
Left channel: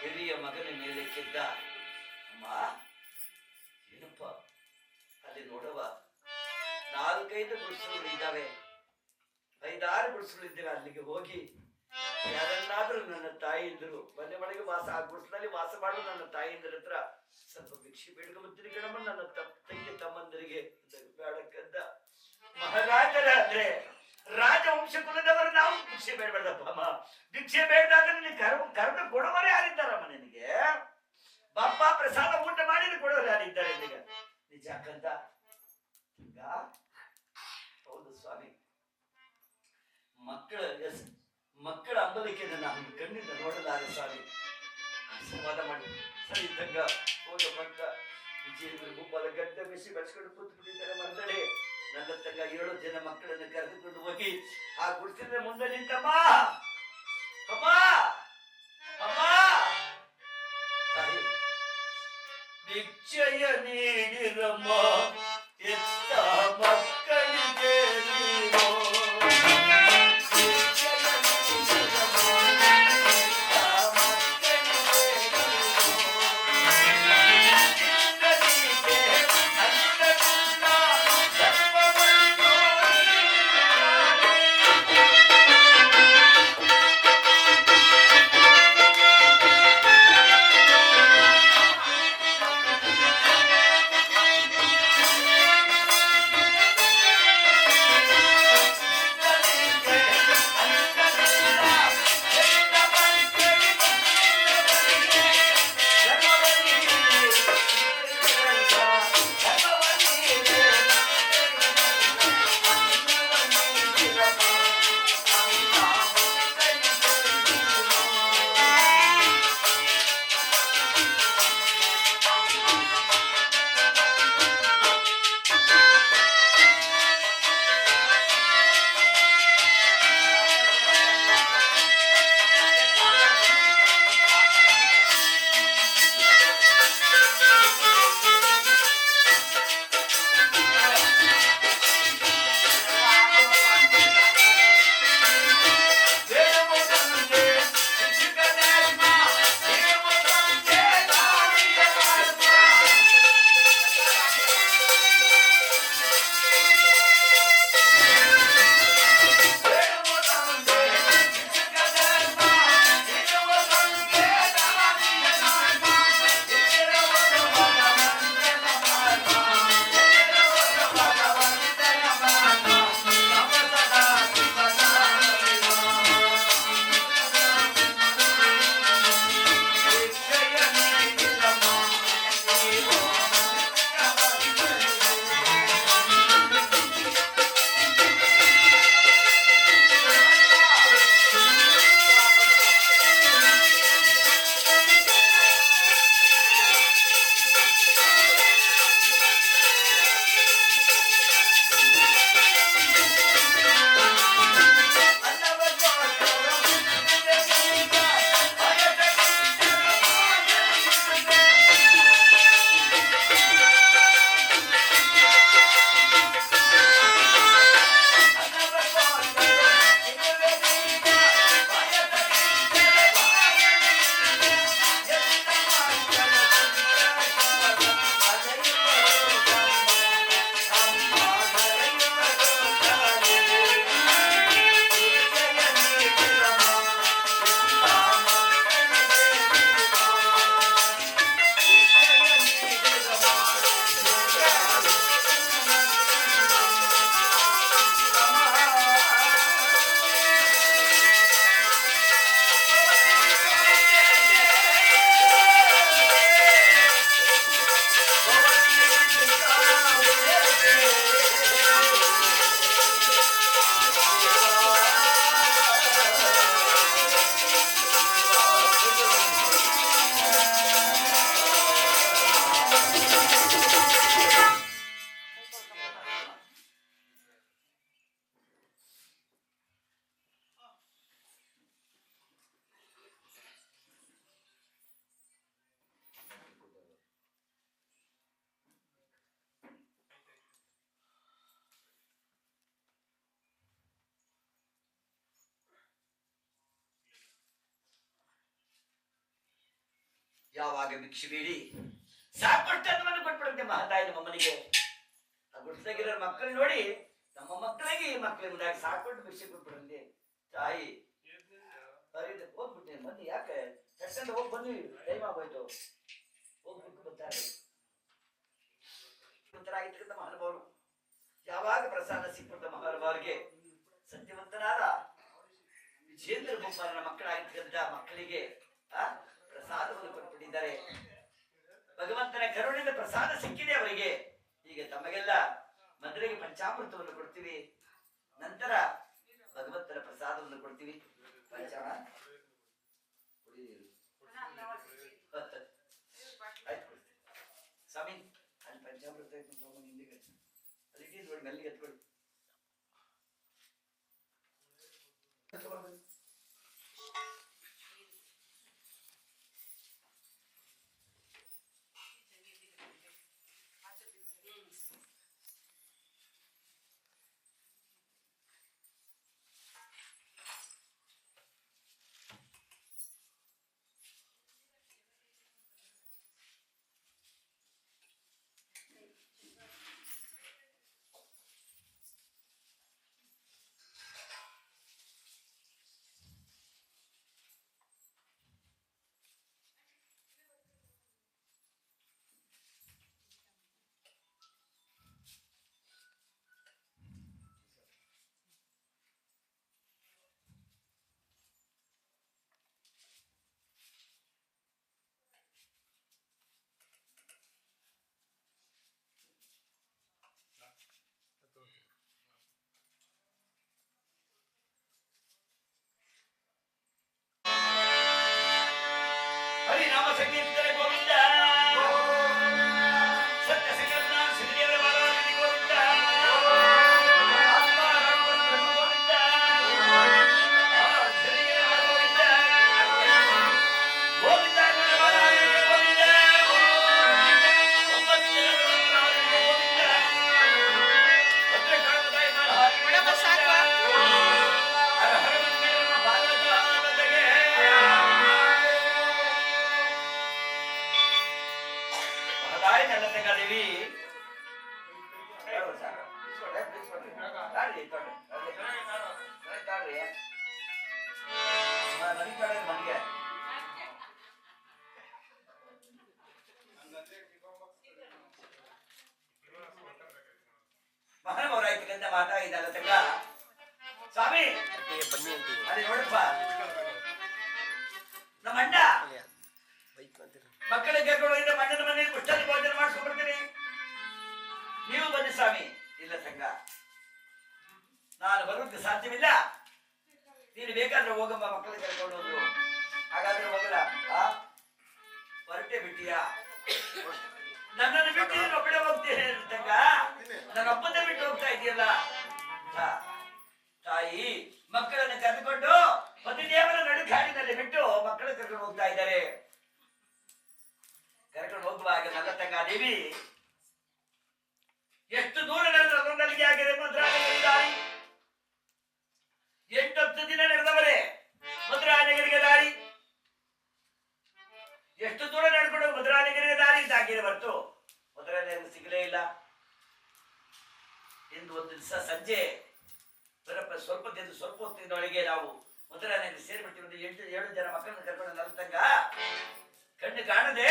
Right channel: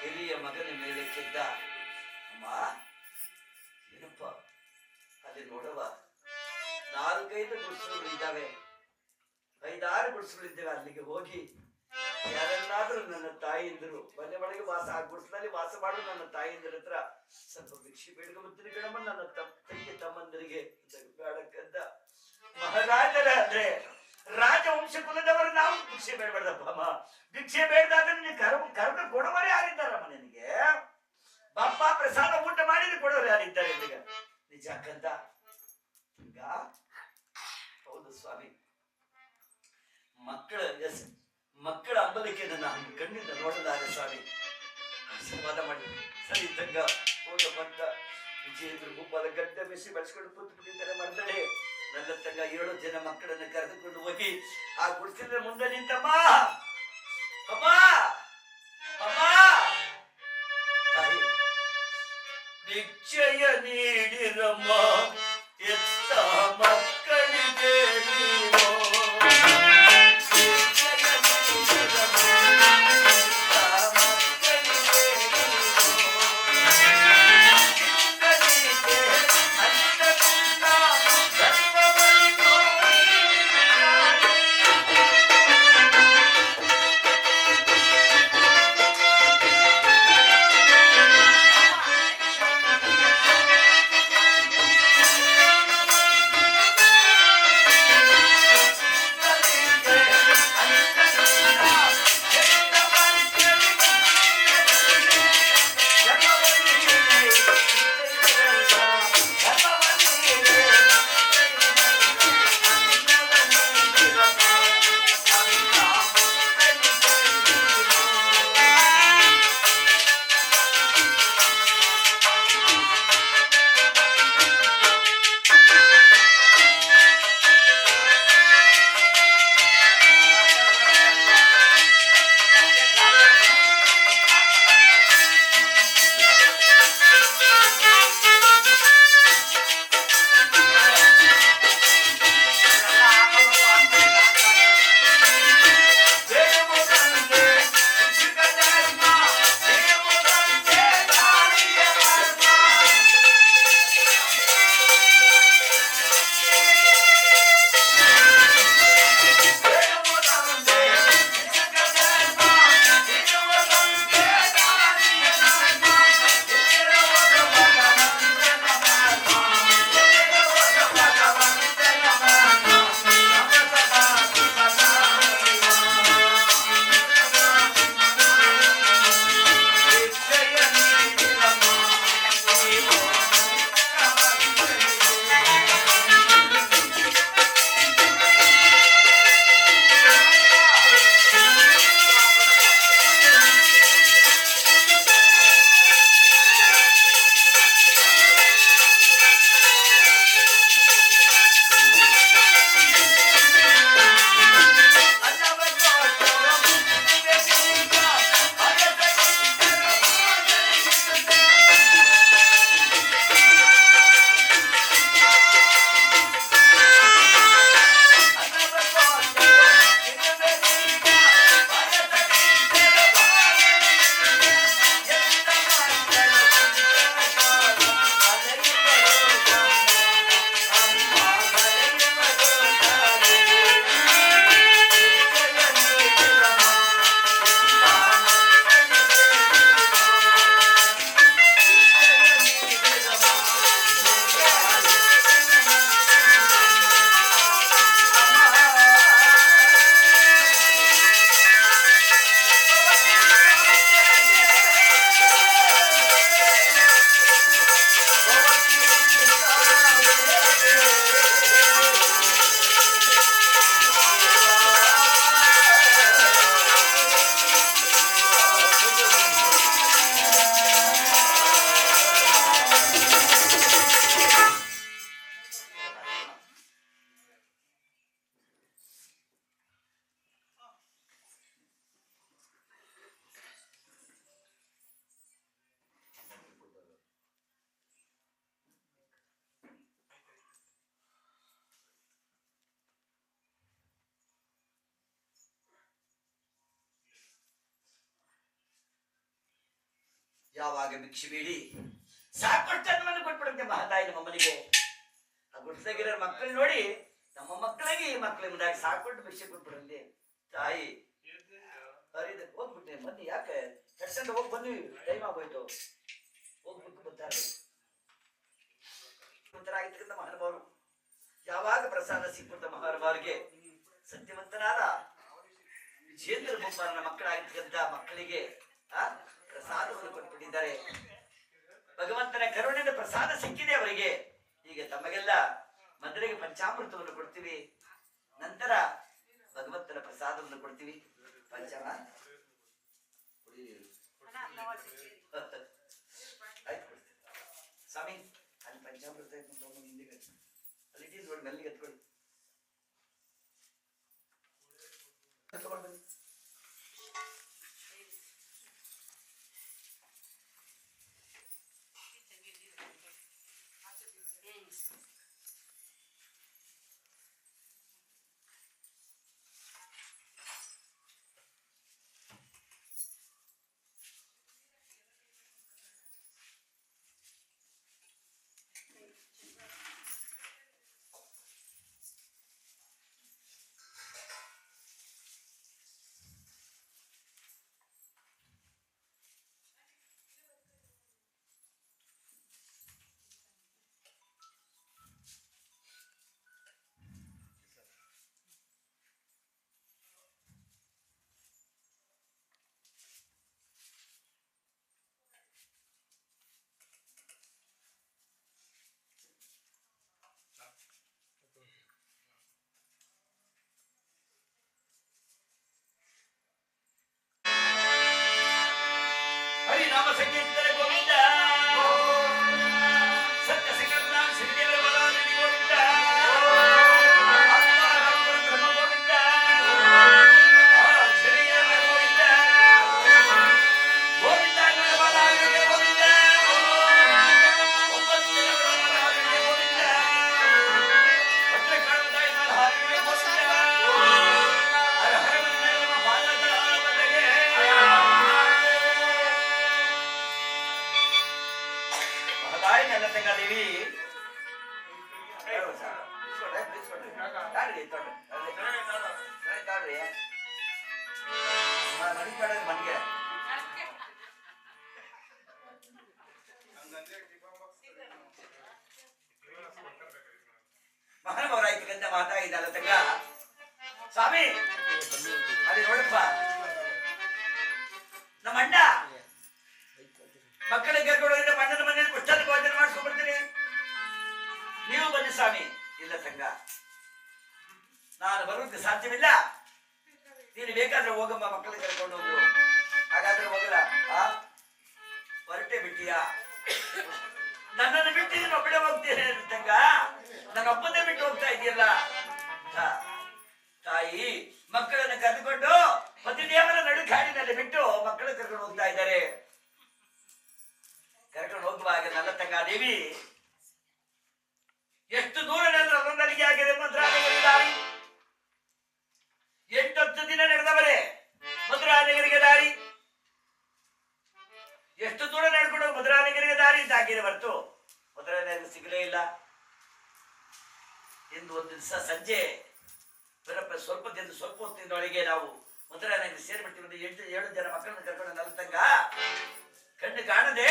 ಹಿರಿಯ ಮಗನ ಮೇಲೆ ಕೆದ್ದ. ಅಮ್ಮ ಏನಪ್ಪ ಅಲ್ಲಿ ನೋಡವ, 4-5 ಗುಡಿಸಲು ಇದ್ದಾವೆ, 5-6 ಗುಡಿಸಲು ಇದ್ದೇವೆ. ಅಲ್ಲಿಗೆ ಹೋಗಿ ಯಾರೆಲ್ಲಾದ್ರೂ ನನ್ನ ತಾಯಿಯಿಂದರು ಮನೆ ಒಳಗೆ ವಾಸ, ಆ ಗುಡಿಸಲಲ್ಲಿ ವಾಸ ಮಾಡಲು ನನ್ನ ತಾಯಿಯಿಂದ್ರ ಹತ್ರ ಸ್ವಲ್ಪ ಭಿಕ್ಷೆ ಬೇಡ್ಕೊಂಬತ್ತೀನಿ ಕಣಮ್ಮ. ನನ್ನ ತಂಗಿ ತಮ್ಮಂದರಿಗೆ ಬೇಡಕ್ಕಂದ. ಮಹಾರಾಜರ ಅಂದ್ರೆ ರಾಜವಂಶ ಕುಲದವರು ನಾವು ಭಿಕ್ಷೆ ಬೇಡಬೇಡಪ್ಪ ಅಮ್ಮ. ಭಿಕ್ಷೆ ಬೇಡದಾದ್ರೆ ನಿನಗೆ ಕರ್ಮ ಕೊಡೋರು ಯಾರಿದ್ದಾರಮ್ಮ? ನಿನಗೆ ಬಾಪ ಪ್ರಸಾದ ಊಟ ಮಾಡಿದ್ರೆ ಕೊಡೋರು ಯಾರಿದ್ದಾರೆ ನಿನಗೆ? ನಿಜ ಕಂದ. ಹೌದು ಸ್ವಾಮಿ, ಮಕ್ಕಳ ಅಂಬಲಿಕೆ ನನ್ನ ಕಣ್ಣಿಂದ ನೋಡಲಾರೆ ಸ್ವಾಮಿ. ಆಶೀರ್ವಾದ ಮಾಡಿ. ಸರಿ ತಂಗ ಹೋಗಮ್ಮಂತ ವಿಜಯೇಂದ್ರ ಗುಬ್ಬದ ಗಡ್ಡ ಮೆಸಿ ಬೆಳೆಸ್ಕೊಂಡು ಕೂತು ಬಿಟ್ಟಿದ್ದಾರೆ ಮರ್ದಡೆ. ನನ್ನ ತಂಗ 7 ಜನ ಮಕ್ಕಳನ್ನ ಕರೆದುಕೊಂಡು ಹೋಗಿ ಆ ಗುಡಿಸಿದ್ರೆ ಮುಂದೆ ನಿಂತಮ್ಮ. ಅಮ್ಮ ಅಮ್ಮ ತಾಯಿ ಭಿಕ್ಷೆಯ ನೀಡಿರಮ್ಮ, ಎತ್ತ ಮಕ್ಕಳಿಗೆ ನೀನು. ಯಾವಾಗ ಭಿಕ್ಷೆ ಬೇಡಿ ಸಾಕಷ್ಟು ಅನ್ನವನ್ನು ಕೊಟ್ಬಿಡುತ್ತೆ ಮಹಾತಾಯಿ ನಮ್ಮಮ್ಮನಿಗೆ. ಆ ಗುಡ್ಸಗಿರೋ ಮಕ್ಕಳು ನೋಡಿ ನಮ್ಮ ಮಕ್ಕಳಿಗೆ ಈ ಮಕ್ಕಳ ಮುಂದಾಗಿ ಸಾಕೊಟ್ಟು ಭಿಕ್ಷೆ ಕೊಟ್ಬಿಡಂತೆ ತಾಯಿ. ಹೋಗ್ಬಿಟ್ಟೆ ಬನ್ನಿ, ಯಾಕೆ ಕಟ್ಕೊಂಡು ಹೋಗಿ ಬನ್ನಿ, ಟೈಮ್ ಆಗೋಯ್ತು, ಹೋಗ್ಬಿಟ್ಟು ಬರ್ತಾರೆ. ಆಗಿರ್ತಕ್ಕಂಥ ಮಹಾನುಭಾವರು ಯಾವಾಗ ಪ್ರಸಾದ ಸಿಕ್ಬಿಡ್ತ ಮಹಾನುಭಾವರಿಗೆ ಸತ್ಯವಂತನಾದ ವಿಜೇಂದ್ರ ಬೊಮ್ಮನ ಮಕ್ಕಳಾಗಿರ್ತಕ್ಕಂಥ ಮಕ್ಕಳಿಗೆ ಪ್ರಸಾದವನ್ನು ಕೊಟ್ಬಿಟ್ಟಿದ್ದಾರೆ. ಭಗವಂತನ ಕರುಣೆಯಿಂದ ಪ್ರಸಾದ ಸಿಕ್ಕಿದೆ ಅವರಿಗೆ. ಈಗ ತಮಗೆಲ್ಲ ಮೊದಲಿಗೆ ಪಂಚಾಮೃತವನ್ನು ಕೊಡ್ತೀವಿ, ನಂತರ ಭಗವಂತನ ಪ್ರಸಾದವನ್ನು ಕೊಡ್ತೀವಿ. ಪಂಚಾಮೃತ ಆಯ್ತು ಸ್ವಾಮಿ, ಅಲ್ಲಿ ಪಂಚಾಮೃತ ಹಿಂದೆ ಅಲ್ಲಿ ಇಟ್ಟಿದ್ದು ನೋಡಿ, ಮೆಲ್ಲಿಗೆ ಎತ್ಕೊಳ್ಳಿ. ಹರಿನಾಮ ಸಂಗೀತದಲ್ಲಿ ಗೋವಿಂದ, ಸತ್ಯ ಸಂಕಲ್ಪ ಸಿರಿದೇವರ ಬಲವಾಗಿ ಗೋವಿಂದ, ಗೋವಿಂದ, ಗೋವಿಂದ, ಗೋವಿಂದ ಬಲವಾಗಿ ಗೋವಿಂದ, ಗೋವಿಂದ, ಭದ್ರಕಾಳದಾಯ ಹಾರಿ ಗೋವಿಂದ, ಹರ ಹರ ಬಾಲದ ಬದಗೆ ದೇವಿ ಮನೆಗೆ ಮಹಾನುಭಾವರಾಯ್ತಕ್ಕಂಥ ಮಾತಾಗಿದ್ದಲ್ಲ ತಂಗ ಸ್ವಾಮಿ, ಅಲ್ಲಿ ನೋಡಪ್ಪ ನಮ್ಮ ಅಣ್ಣ ಮಕ್ಕಳಿಗೆ ಕರ್ಕೊಂಡು ಮಣ್ಣನ ಮನೆಯಲ್ಲಿ ಪುಸ್ತಕ ಭೋಜನ ಮಾಡ್ಸ್ಕೊಂಡ್ ಬರ್ತೀನಿ, ನೀವು ಬನ್ನಿ ಸ್ವಾಮಿ. ಇಲ್ಲ ಸಂಘ, ನಾನು ಬರೋದಕ್ಕೆ ಸಾಧ್ಯವಿಲ್ಲ, ನೀನು ಬೇಕಾದ್ರೆ ಹೋಗಮ್ಮ, ಮಕ್ಕಳಿಗೆ ಕರ್ಕೊಂಡು ಹೋದ್ರು. ಹಾಗಾದ್ರೆ ಹೋಗಲ್ಲ, ಹೊರಟೆ ಬಿಟ್ಟಿಯಾ? ನನ್ನನ್ನು ಬಿಟ್ಟು ನೀನು ಒಬ್ಬಳೆ ಹೋಗ್ತೀನಿ ತಂಗ, ನನ್ನ ಒಬ್ಬನೇ ಬಿಟ್ಟು ಹೋಗ್ತಾ ಇದೆಯಲ್ಲ. ತಾಯಿ ಮಕ್ಕಳನ್ನು ಕರೆದುಕೊಂಡು ಪತಿದೇವರ ನಡುಕಾಡಿನಲ್ಲಿ ಬಿಟ್ಟು ಮಕ್ಕಳು ಕರ್ಕೊಂಡು ಹೋಗ್ತಾ ಇದ್ದಾರೆ. ಕರ್ಕೊಂಡು ಹೋಗುವಾಗ ನನ್ನ ತಂಗ ದೇವಿ ಎಷ್ಟು ದೂರ ನಡೆದ್ರೆ ಅದೊಂದಲ್ಲಿಗೆ ಆಗಿದೆ ಮಧುರಾನಗರಿ ದಾರಿ. 8-10 ದಿನ ನಡೆದವರೇ ಮಧುರಾನಗರಿಗೆ ದಾರಿ. ಎಷ್ಟು ದೂರ ನಡ್ಕೊಂಡು ಮಧುರಾನಗರಿಗೆ ದಾರಿ ಇದ್ದಾಗಿದೆ ಹೊರತು ಮಧುರಾನಗರಿ ಸಿಗಲೇ ಇಲ್ಲ. ಎಂದು ಒಂದು ದಿವಸ ಸಂಜೆ ಸ್ವಲ್ಪ ಹೊತ್ತಿನೊಳಗೆ ನಾವು ಮಧುರಾನಗರಿ ಸೇರಿಬಿಟ್ಟಿರೋದು. 7 ಜನ ಮಕ್ಕಳನ್ನು ಕರ್ಕೊಂಡು ನನ್ನ ತಂಗ ಕಣ್ಣು ಕಾಣದೆ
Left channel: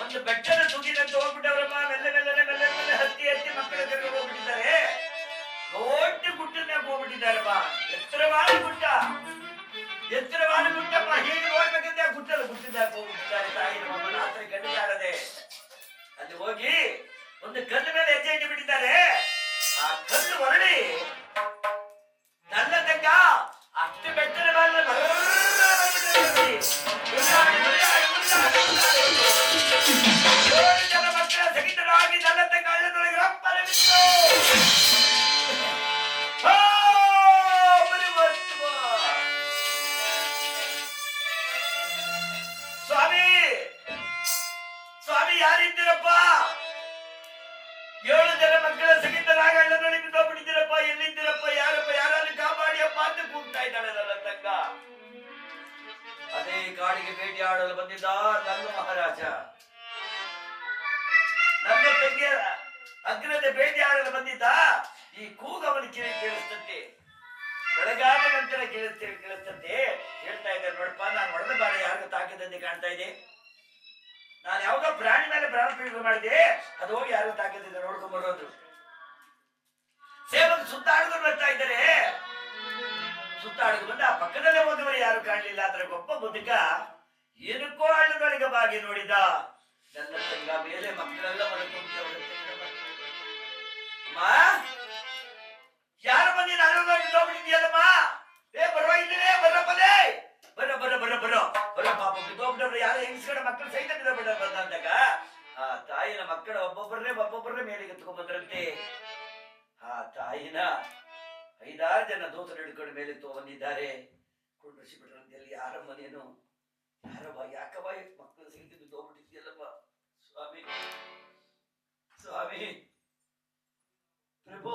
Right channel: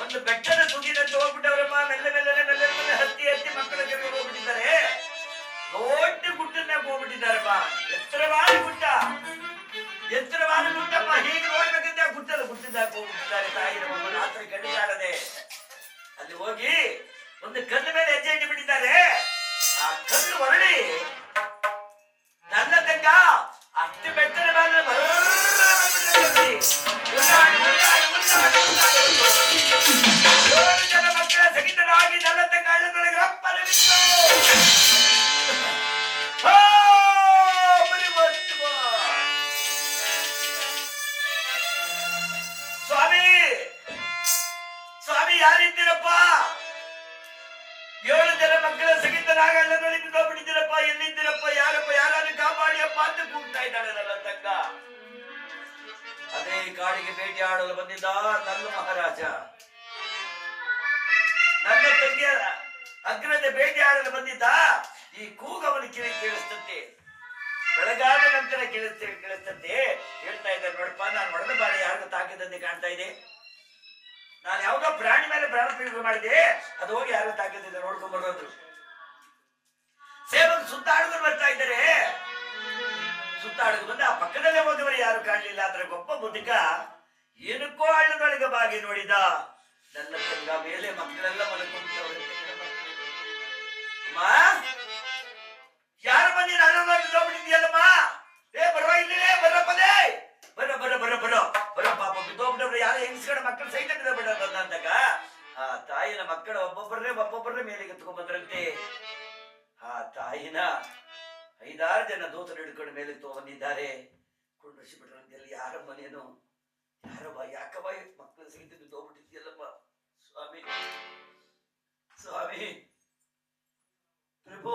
ಒಂದು ಬೆಟ್ಟದ ತುದಿನಂತ ಹೋಗ್ಬಿಟ್ಟವ್ರಮ್ಮ. ಮೆಲ್ಲ ಮೆಲ್ಲನೆ ಹತ್ತಿ ಮಕ್ಕಳ ಕರ್ಕೊಂಡು ಹೋಗ್ಬಿಟ್ಟಿದ್ದಾರೆ. ದೊಡ್ಡ ಗುಟ್ಟನ್ಯಾಗ ಹೋಗ್ಬಿಟ್ಟಿದ್ದಾರಮ್ಮ. ಎತ್ತರವಾದ ಗುಟ್ಟಮ್ಮ. ಹೀಗೆ ನೋಡ್ಬೇಕಂತ ಗುಟ್ಟಿದಾಗ ಹೋಗ್ಬಿಟ್ಟಿದ್ದಾರೆ. ತಾಯಿ ನಮ್ಮನ್ನ ರಾತ್ರಿ ಕಣ್ಣು ಕಾಣದೆ ಅಲ್ಲಿ ಹೋಗಿ ಒಂದು ಕಲ್ಲು ಮೇಲೆ ಹೆಜ್ಜೆ ಇಟ್ಟು ಬಿಟ್ಟಿದ್ದಾರೆ. ಆ ಕಲ್ಲು ಹೊರಡಿ ನನ್ನ ತಂಗ ಅಷ್ಟು ಬೆಟ್ಟದ ಮೇಲೆ ಜನ ಮಕ್ಕಳ ಸಹಿತರಾಗಿ ನನ್ನ ತಂಗ ಹಳ್ಳದೊಳಗೆ ರಪ್ಪನೆ ಬಿತ್ತು. ಸ್ವಾಮಿ ಸ್ವಾಮಿ ಯಾರಿದ್ದೀರಪ್ಪ? 7 ಜನ ಮಕ್ಕಳ ಸಹಿತರಾಗ ಹಳ್ಳದೊಳಗೆ ಬಿದ್ದೋಗ್ಬಿಟ್ಟಿದ್ದೀರಪ್ಪ. ಎಲ್ಲಿದ್ದೀರಪ್ಪ? ಯಾರಪ್ಪ? ಯಾರಾದ್ರೂ ಕಾಪಾಡಿಯಪ್ಪ ಅಂತ ಕೂಗ್ತಾ ಇದ್ದಾಳೆ ನನ್ನ ತಂಗ. ಅದೇ ಕಾಡಿಗೆ ಭೇಟಿಯಾಡಲು ಬಂದಿದ್ದ ನನ್ನ ಮಹಾರಾಜ. ನನ್ನ ತಂಗಿಯ ಅಗ್ರತೆ ಭೇಟಿಯಾಡಲು ಬಂದಿದ್ದ. ಈ ಕೂಗವನ ಕಿವಿ ಕೇಳಿಸ್ತಂತೆ, ಬೆಳಗಾದ ನಂತರ ಕೇಳಿಸ್ತಂತೆ. ಹೇಳ್ತಾ ಇದ್ದಾರೆ, ನೋಡಪ್ಪ, ನಾನು ಹೊಡೆದ ಬಾರಿ ಯಾರಿಗೂ ತಾಕಿದಂತೆ ಕಾಣ್ತಾ ಇದೆ. ನಾನು ಯಾವ್ದೋ ಪ್ರಾಣಿ ಮೇಲೆ ಪ್ರಾಣ ಪ್ರಯೋಗ ಮಾಡಿದೆ, ಅದು ಹೋಗಿ ಯಾರಿಗೂ ತಾಕಿದ್ದೆ ನೋಡ್ಕೊಂಡ್ ಬರೋದು. ಸೇವಕ ಸುತ್ತಾಡುಗರು ಬರ್ತಾ ಇದ್ದಾರೆ. ಸುತ್ತಾಡುಗ ಬಂದ ಆ ಪಕ್ಕದಲ್ಲೇ ಹೋದವರು ಯಾರು ಕಾಣಲಿಲ್ಲ. ಅದ್ರ ಗೊಬ್ಬ ಮುದುಕ ಏನಕ್ಕೋ ಹಳ್ಳದೊಳಗೆ ಬಾಗಿ ನೋಡಿದ. ನನ್ನ ತಂಗ ಮೇಲೆ ಮಕ್ಕಳೆಲ್ಲ ಮಲಕೊಂಡವರಂತೆ. ಅಮ್ಮ, ಯಾರು ಬಂದಿ ಬಿದ್ದೋಗ್ಬಿಟ್ಟಿದ್ಯಲ್ಲಮ್ಮ? ಬರೋ ಇಲ್ಲೇ, ಬರಪ್ಪದೇ, ಬರೋ ಪಾಪ ಬಿದ್ದೋಗ್ಬಿಟ್ಟವ್ರು. ಯಾರು ಹೆಂಗಸ್ಗಡೆ ಮಕ್ಕಳು ಸಹಿತ ಬಿಡ ಬಂದಾಗ ಆ ತಾಯಿನ ಮಕ್ಕಳ ಒಬ್ಬೊಬ್ಬರೇ ಮೇಲೆಗೆ ಎತ್ಕೊಂಡ್ ಬಂದ್ರಂತೆ. ಆ ತಾಯಿನ 5-6 ಜನ ದೂತರು ಹಿಡ್ಕೊಂಡು ಮೇಲೆ ತಗೊಂಡಿದ್ದಾರೆ. ಕೊಂಡ್ರಿಸಿ ಬಿಟ್ರಂತೆಲ್ಲಿ. ಯಾರಮ್ಮ ನೀನು? ಯಾರಮ್ಮ? ಯಾಕಮ್ಮ ಮಕ್ಕಳು ಸಹಿತ ಬಿದ್ದೋಗ್ಬಿಟ್ಟಿದ್ಯಲ್ಲಮ್ಮ? ಸ್ವಾಮಿ, ಸ್ವಾಮಿ, ಪ್ರಭು,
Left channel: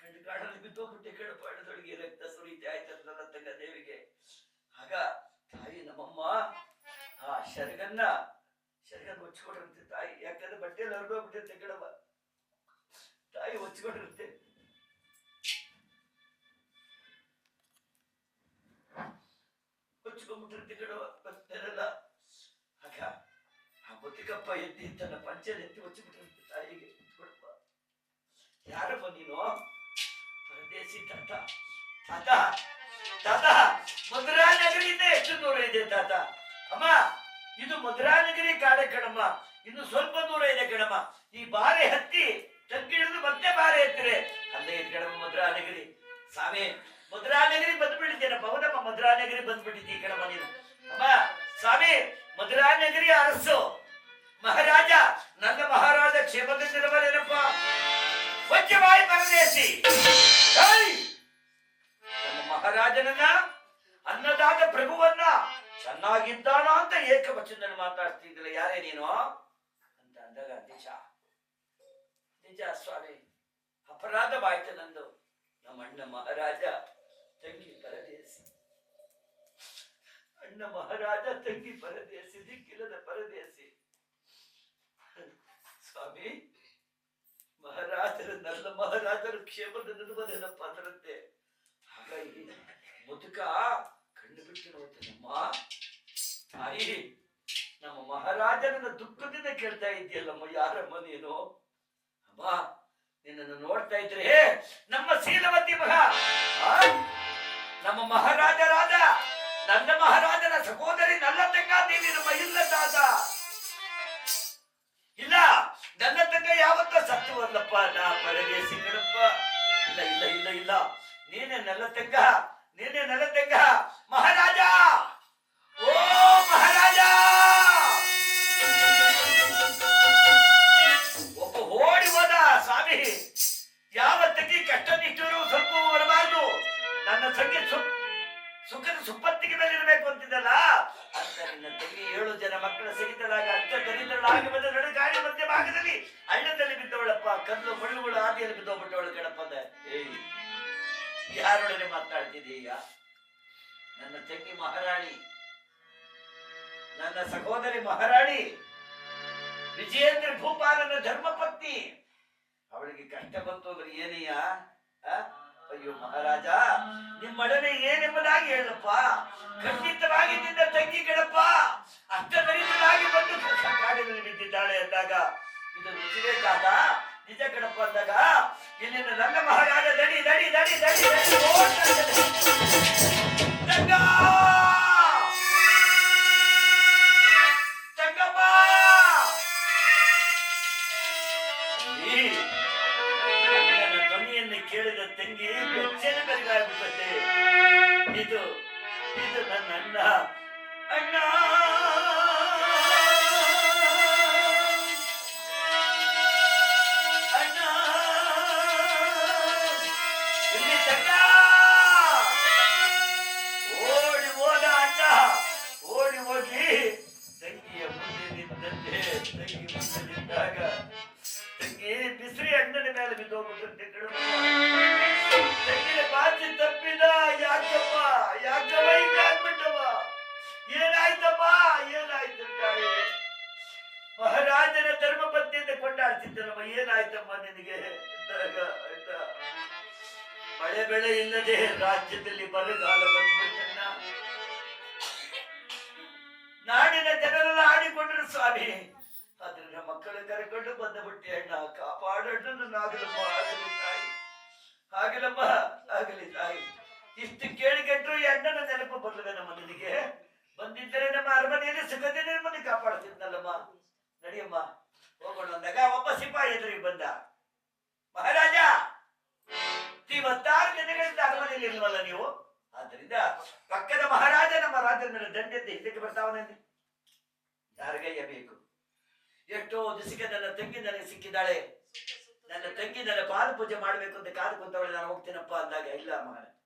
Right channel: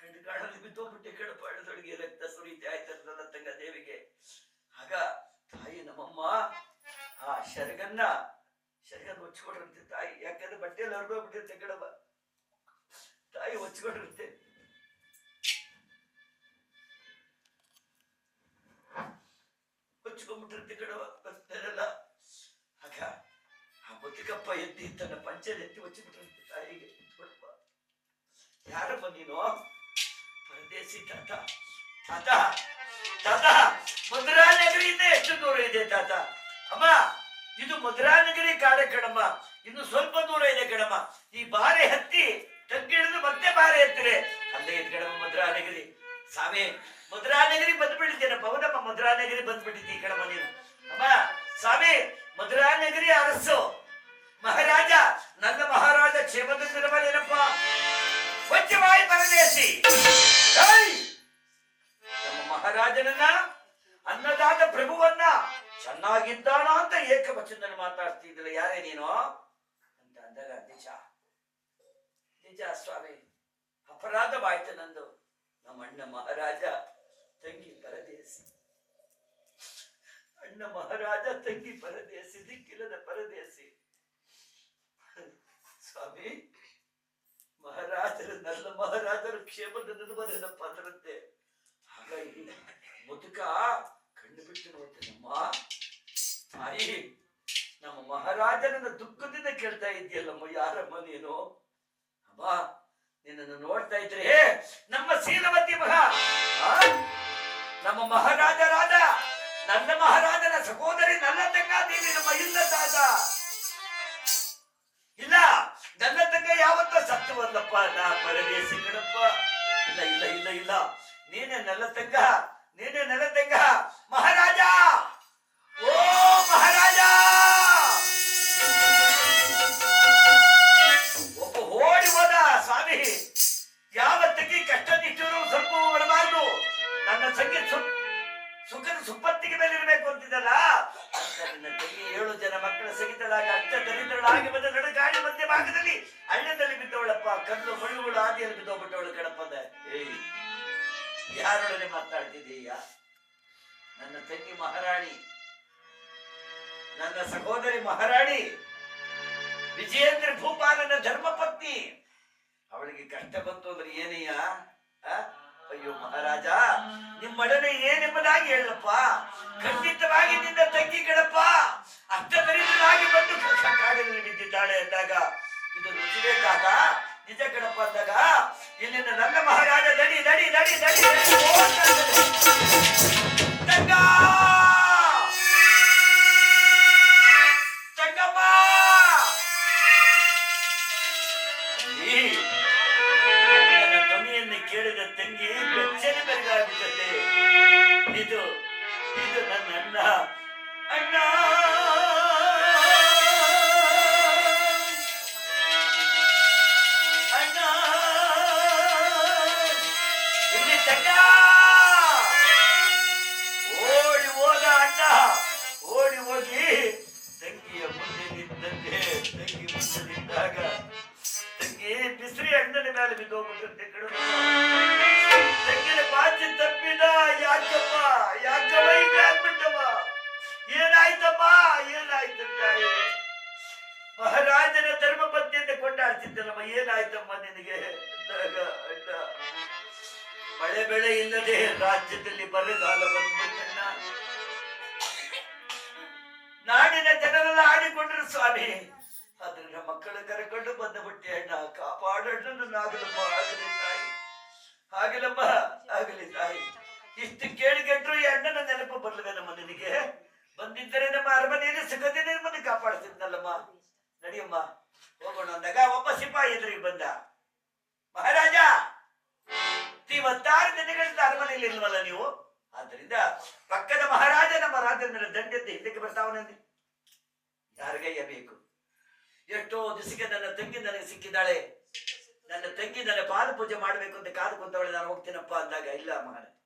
ಕಣ್ಣು ಕಾಣಲ್ಲಿ ಬಿದ್ದೋಗ್ಬಿಟ್ಟೆ ಕಣಪ್ಪ. ಹಳ್ಳದೊಳಗೆ ರಕ್ತ ಸುರಿತೆ ಆಯ್ತು ನನ್ನ ತಂಗ ದೇವಿಗೆ. ಆಗ ತಾಯಿ ನಮ್ಮಮ್ಮ ಆ ಶರ್ಗನ್ನ ಹೊಚ್ಕೊಟ್ಟಿರುತ್ತೆ ತಾಯಿ. ಯಾಕಂದ್ರೆ ಬಟ್ಟೆಯಲ್ಲಿ ಹೊರಗೋಗ್ಬಿಟ್ಟಿರುತ್ತೆ ಕಣವ. ತಾಯಿ ಹೊಚ್ಕೊಂಡಿರುತ್ತೆ. ಹೊಚ್ಕೊಂಡ್ಬಿಟ್ಟಿರುತ್ತೆ ಕಣವ ಬರ್ತಾರಲ್ಲ. ಆಗ ಆ ಮುದುಕಪ್ಪ ಎತ್ತಿ ತನ್ನ ಪಂಚಲ್ಲಿ ಎತ್ತಿ ಹೊಚ್ಚಿಬಿಟ್ಟಿರುತ್ತೆ ತಾಯಿಗೆ. ಯಾರಪ್ಪ ನೀನು? ಪರದೇಸಿ ತಾತ. ತಾತ, ಮಧುರಾ ನಗರಿಯಿಂದ ಎಷ್ಟು ದೂರ ಇದೆ ತಾತ? ಅಮ್ಮ, ಇದು ಮಧುರಾ ನಗರಿ ಕಾಡ ಕಣಮ್ಮ. ಇನ್ನು ಸ್ವಲ್ಪ ದೂರ ಇದೆ ಕಣಮ್ಮ. ಈ ಬಾರೆ ಹತ್ತಿ ತಗ್ಗಿಳಿದು ಮತ್ತೆ ಬಾರೆ ಹತ್ತಿರೆ ಅಲ್ಲೇ ಇದೆ ಕಣಮ್ಮ ಮಧುರಾ ನಗರಿ. ಸ್ವಾಮಿ, ಮಧುರಾ ನಗರಿ ಬಂದ್ಬಿಟ್ಟಿದ್ದೇನಪ್ಪ. ಹೌದಮ್ಮ, ಮಧುರಾ ನಗರಿ ಬಂದ್ಬಿಟ್ಟಿದ್ದೀ ಕಣಮ್ಮ ನೀನು. ಅಮ್ಮ ಸ್ವಾಮಿ, ಮಧುರಾ ನಗರಿ ಅರಸು ಮಹಾರಾಜ ನನ್ನ ಮಹಾರಾಜ ಕ್ಷೇಮದಿಂದಿರಬಲ್ಲೇನಪ್ಪ. ಸ್ವಚ್ಛವಾಯಿ ಪರದೇಶಿ. ನಮ್ಮ ಮಹಾರಾಜನನ್ನ, ಅನ್ನದಾತ ಪ್ರಭುವನ್ನ ಚೆನ್ನಾಗಿದ್ದಾನ ಅಂತ ಏಕವಚನದಲ್ಲಿ ಮಾತಾಡ್ತಿದ್ದಿಲ್ಲ. ಯಾರೇ ನೀನು ಅಂತ ಅಂದಾಗ, ನಿಜ ಸ್ವಾಮಿ, ಅಪರಾಧವಾಯ್ತು ನಂದು. ನಮ್ಮ ಅಣ್ಣ ಮಹಾರಾಜ ತಂಗಿ ಪರದೇಸಿ. ಅಣ್ಣ ಮಹಾರಾಜ ತಂಗಿ ಪರದೇಸಿ, ದಿಕ್ಕಿಲ್ಲದ ಪರದೇಸಿ. ಸ್ವಾಮಿ, ಮಹಾರಾಜರು ನನ್ನ ಮಹಾರಾಜರು ಕ್ಷೇಮದ ನೆನಪದೇನಪ್ಪ ಅದರಂತೆ. ಹಾಗಾಗಿ ಮುದುಕ ಕಣ್ಣು ಬಿಟ್ಟು ನೋಡ್ತೇನಮ್ಮ. ತಾಯಿ, ನಮ್ಮ ಮಹಾರಾಜನನ್ನ ದುಃಖದಿಂದ ಕೇಳ್ತಾ ಇದೆಯಲ್ಲಮ್ಮ. ಯಾರಮ್ಮ ನೀನು? ಅಮ್ಮ, ನಿನ್ನನ್ನು ನೋಡ್ತಾ ಇದ್ರೆ ನಮ್ಮ ಶೀಲವತಿ ನಮ್ಮ ಮಹಾರಾಜರಾದ ನನ್ನ ಮಹಾರಾಜನ ಸಹೋದರಿ ನನ್ನ ತಂಗಾದೇವಿ ನಮ್ಮ ಇಲ್ಲ ತಾತ. ಇಲ್ಲ, ನನ್ನ ತಂಗ ಯಾವತ್ತೋ ಸತ್ಯವಲ್ಲಪ್ಪ. ನಾ ಪರದೇಸಿ ಕಣಪ್ಪ. ಇಲ್ಲ ಇಲ್ಲ ಇಲ್ಲ ಇಲ್ಲ, ನೀನೇ ನನ್ನ ತಂಗ, ನೀನೇ ನನ್ನ ತಂಗ. ಮಹಾರಾಜ, ಓ ಮಹಾರಾಜ! ಒಬ್ಬ ಓಡಿ ಹೋದ. ಸ್ವಾಮಿ, ಯಾವ ತಂಗಿ ಕಷ್ಟ ನಿಷ್ಠರು ಸ್ವಲ್ಪ ಬರಬಾರ್ದು. ನನ್ನ ತಂಗಿ ಸುಖದ ಸುಪ್ಪತ್ತಿಗೆ ಮೇಲೆ ಇರಬೇಕು ಅಂತಿದ್ದಲ್ಲ ಅಂತ ನಿನ್ನ ತಂಗಿ 7 ಜನ ಮಕ್ಕಳ ಸಹಿತಳಾಗಿ ಅಷ್ಟ ದರಿದ್ರಳಾಗಿ ಬಂದ ನಡುಗಾಡಿ ಮಧ್ಯ ಭಾಗದಲ್ಲಿ ಹಳ್ಳದಲ್ಲಿ ಬಿದ್ದವಳಪ್ಪ. ಕಲ್ಲು ಮಣ್ಣುಗಳು ಆದಿಯಲ್ಲಿ ಬಿದ್ದೋಗ್ಬಿಟ್ಟವಳು ಕಣಪ್ಪದ. ಯಾರೊಡನೆ ಮಾತಾಡ್ತಿದ್ದೀಯ? ನನ್ನ ತಂಗಿ ಮಹಾರಾಣಿ, ನನ್ನ ಸಹೋದರಿ ಮಹಾರಾಣಿ ವಿಜಯೇಂದ್ರ ಭೂಪಾಲನ ಧರ್ಮಪತ್ನಿ. ಅವಳಿಗೆ ಕಷ್ಟ ಬಂತು ಅಂದ್ರೆ ಏನಯ್ಯ? ಅಯ್ಯೋ ಮಹಾರಾಜ, ನಿಮ್ಮೊಡನೆ ಏನೆಂಬುದಾಗಿ ಹೇಳಪ್ಪ. ಖಂಡಿತವಾಗಿ ನಿನ್ನ ತಂಗಿ ಕಣಪ್ಪ ಅಷ್ಟ ದರಿದ್ರರಾಗಿ ಬಂದು ಕಾಡಿನಲ್ಲಿ ಬಿದ್ದಿದ್ದಾಳೆ ಅಂದಾಗ ಇದು ನಿಜವೇ ತಾತ? ನಿಜ ಕಣಪ್ಪ ಅಂದಾಗ ಇಲ್ಲಿಂದ ನನ್ನ ಮಹಾರಾಜ ದಡಿ ದಡಿ ದಡಿ ದಡಿ ತಂಗ ತಂಗಮ್ಮ ಧ್ವನಿಯನ್ನು ಕೇಳಿದ ತಂಗಿ ಬೆಚ್ಚನೆ ಬೆರಗಾಗುತ್ತದೆ. ಇದು ಇದು ನನ್ನ ಅಣ್ಣ. ಅಣ್ಣ ಅಣ್ಣ ಇಲ್ಲಿ ತಂಗ ಓಡಿ ಹೋದ. ಅಣ್ಣ ಓಡಿ ಹೋಗಿ ತಂಗಿಯ ಮುಂದೆ ನಿಂತಂತೆ. ತಂಗಿ ಮುಂದೆ ನಿಂತಾಗ ತಂಗಿ ಬಿಸಿರಿ ಅಣ್ಣನ ಮೇಲೆ ಬಿದ್ದೋಗ್ಬಿಟ್ಟಿರುತ್ತೆ. ತಂಗಿನ ಬಾಚಿ ತಪ್ಪಿದ. ಯಾಕಮ್ಮ ಯಾಕಮ್ಮ ಹಿಂಗಾಗ್ಬಿಟ್ಟವ? ಏನಾಯ್ತಮ್ಮ, ಏನಾಯ್ತು ತಾಯಿ? ಮಹಾರಾಜನ ಧರ್ಮ ಪತ್ನಿಯಿಂದ ಕೊಂಡಾಡ್ತಿದ್ದಲ್ಲಮ್ಮ, ಏನಾಯ್ತಮ್ಮ ನಿನಗೆ? ಅಂದಾಗ ಅಣ್ಣ, ಮಳೆ ಬೆಳೆ ಇಲ್ಲದೆ ರಾಜ್ಯದಲ್ಲಿ ಬರಗಾಲ ಬಂದ್ಬಿಟ್ಟಣ್ಣ. ನಾಡಿನ ಜನರೆಲ್ಲ ಆಡಿಕೊಂಡ್ರು ಸ್ವಾಮಿ, ಆದ್ರೆ ನಮ್ಮ ಮಕ್ಕಳ ಕರೆಕೊಂಡು ಬಂದ್ಬಿಟ್ಟೆ ಅಣ್ಣ. ಕಾಪಾಡಣ್ಣ ನನ್ನಾಗಲಮ್ಮ, ಆಗಲಿ ತಾಯಿ, ಆಗಲಮ್ಮ, ಆಗಲಿ ತಾಯಿ. ಇಷ್ಟು ಕೇಳಿಗೆಟ್ರು ಈ ಅಣ್ಣನ ನೆನಪು ಬರ್ಲದ ನಮ್ಮ ನಿನಗೆ? ಬಂದಿದ್ದರೆ ನಮ್ಮ ಅರಮನೆಯಲ್ಲಿ ಸಿಗದೆ ನಿಮ್ಮನ್ನು ಕಾಪಾಡ್ತಿದ್ನಲ್ಲಮ್ಮ. ನಡಿಯಮ್ಮ ಹೋಗೋಣ ಅಂದಾಗ ಒಬ್ಬ ಸಿಪಾಯಿ ಎದುರಿಗೆ ಬಂದ. ಮಹಾರಾಜ, 26 ದಿನಗಳಿಂದ ಅರಮನೆಯಲ್ಲಿ ಇಲ್ವಲ್ಲ ನೀವು? ಆದ್ರಿಂದ ಪಕ್ಕದ ಮಹಾರಾಜ ನಮ್ಮ ರಾಜನ ಮೇಲೆ ದಂಡೆದ್ದು ಹಿಂದಕ್ಕೆ ಬರ್ತಾವನೆಂದು ಯಾರಿಗಯ್ಯ ಬೇಕು? ಎಷ್ಟೋ ದಿವಸಕ್ಕೆ ನನ್ನ ತಂಗಿ ನನಗೆ ಸಿಕ್ಕಿದ್ದಾಳೆ, ನನ್ನ ತಂಗಿ ನನ್ನ ಪಾದ ಪೂಜೆ ಮಾಡ್ಬೇಕು ಅಂತ ಕಾದು ಕುಂತವಳೆ, ನಾನು ಹೋಗ್ತೀನಪ್ಪ ಅಂದಾಗ, ಇಲ್ಲ ಮಹಾರಾಜ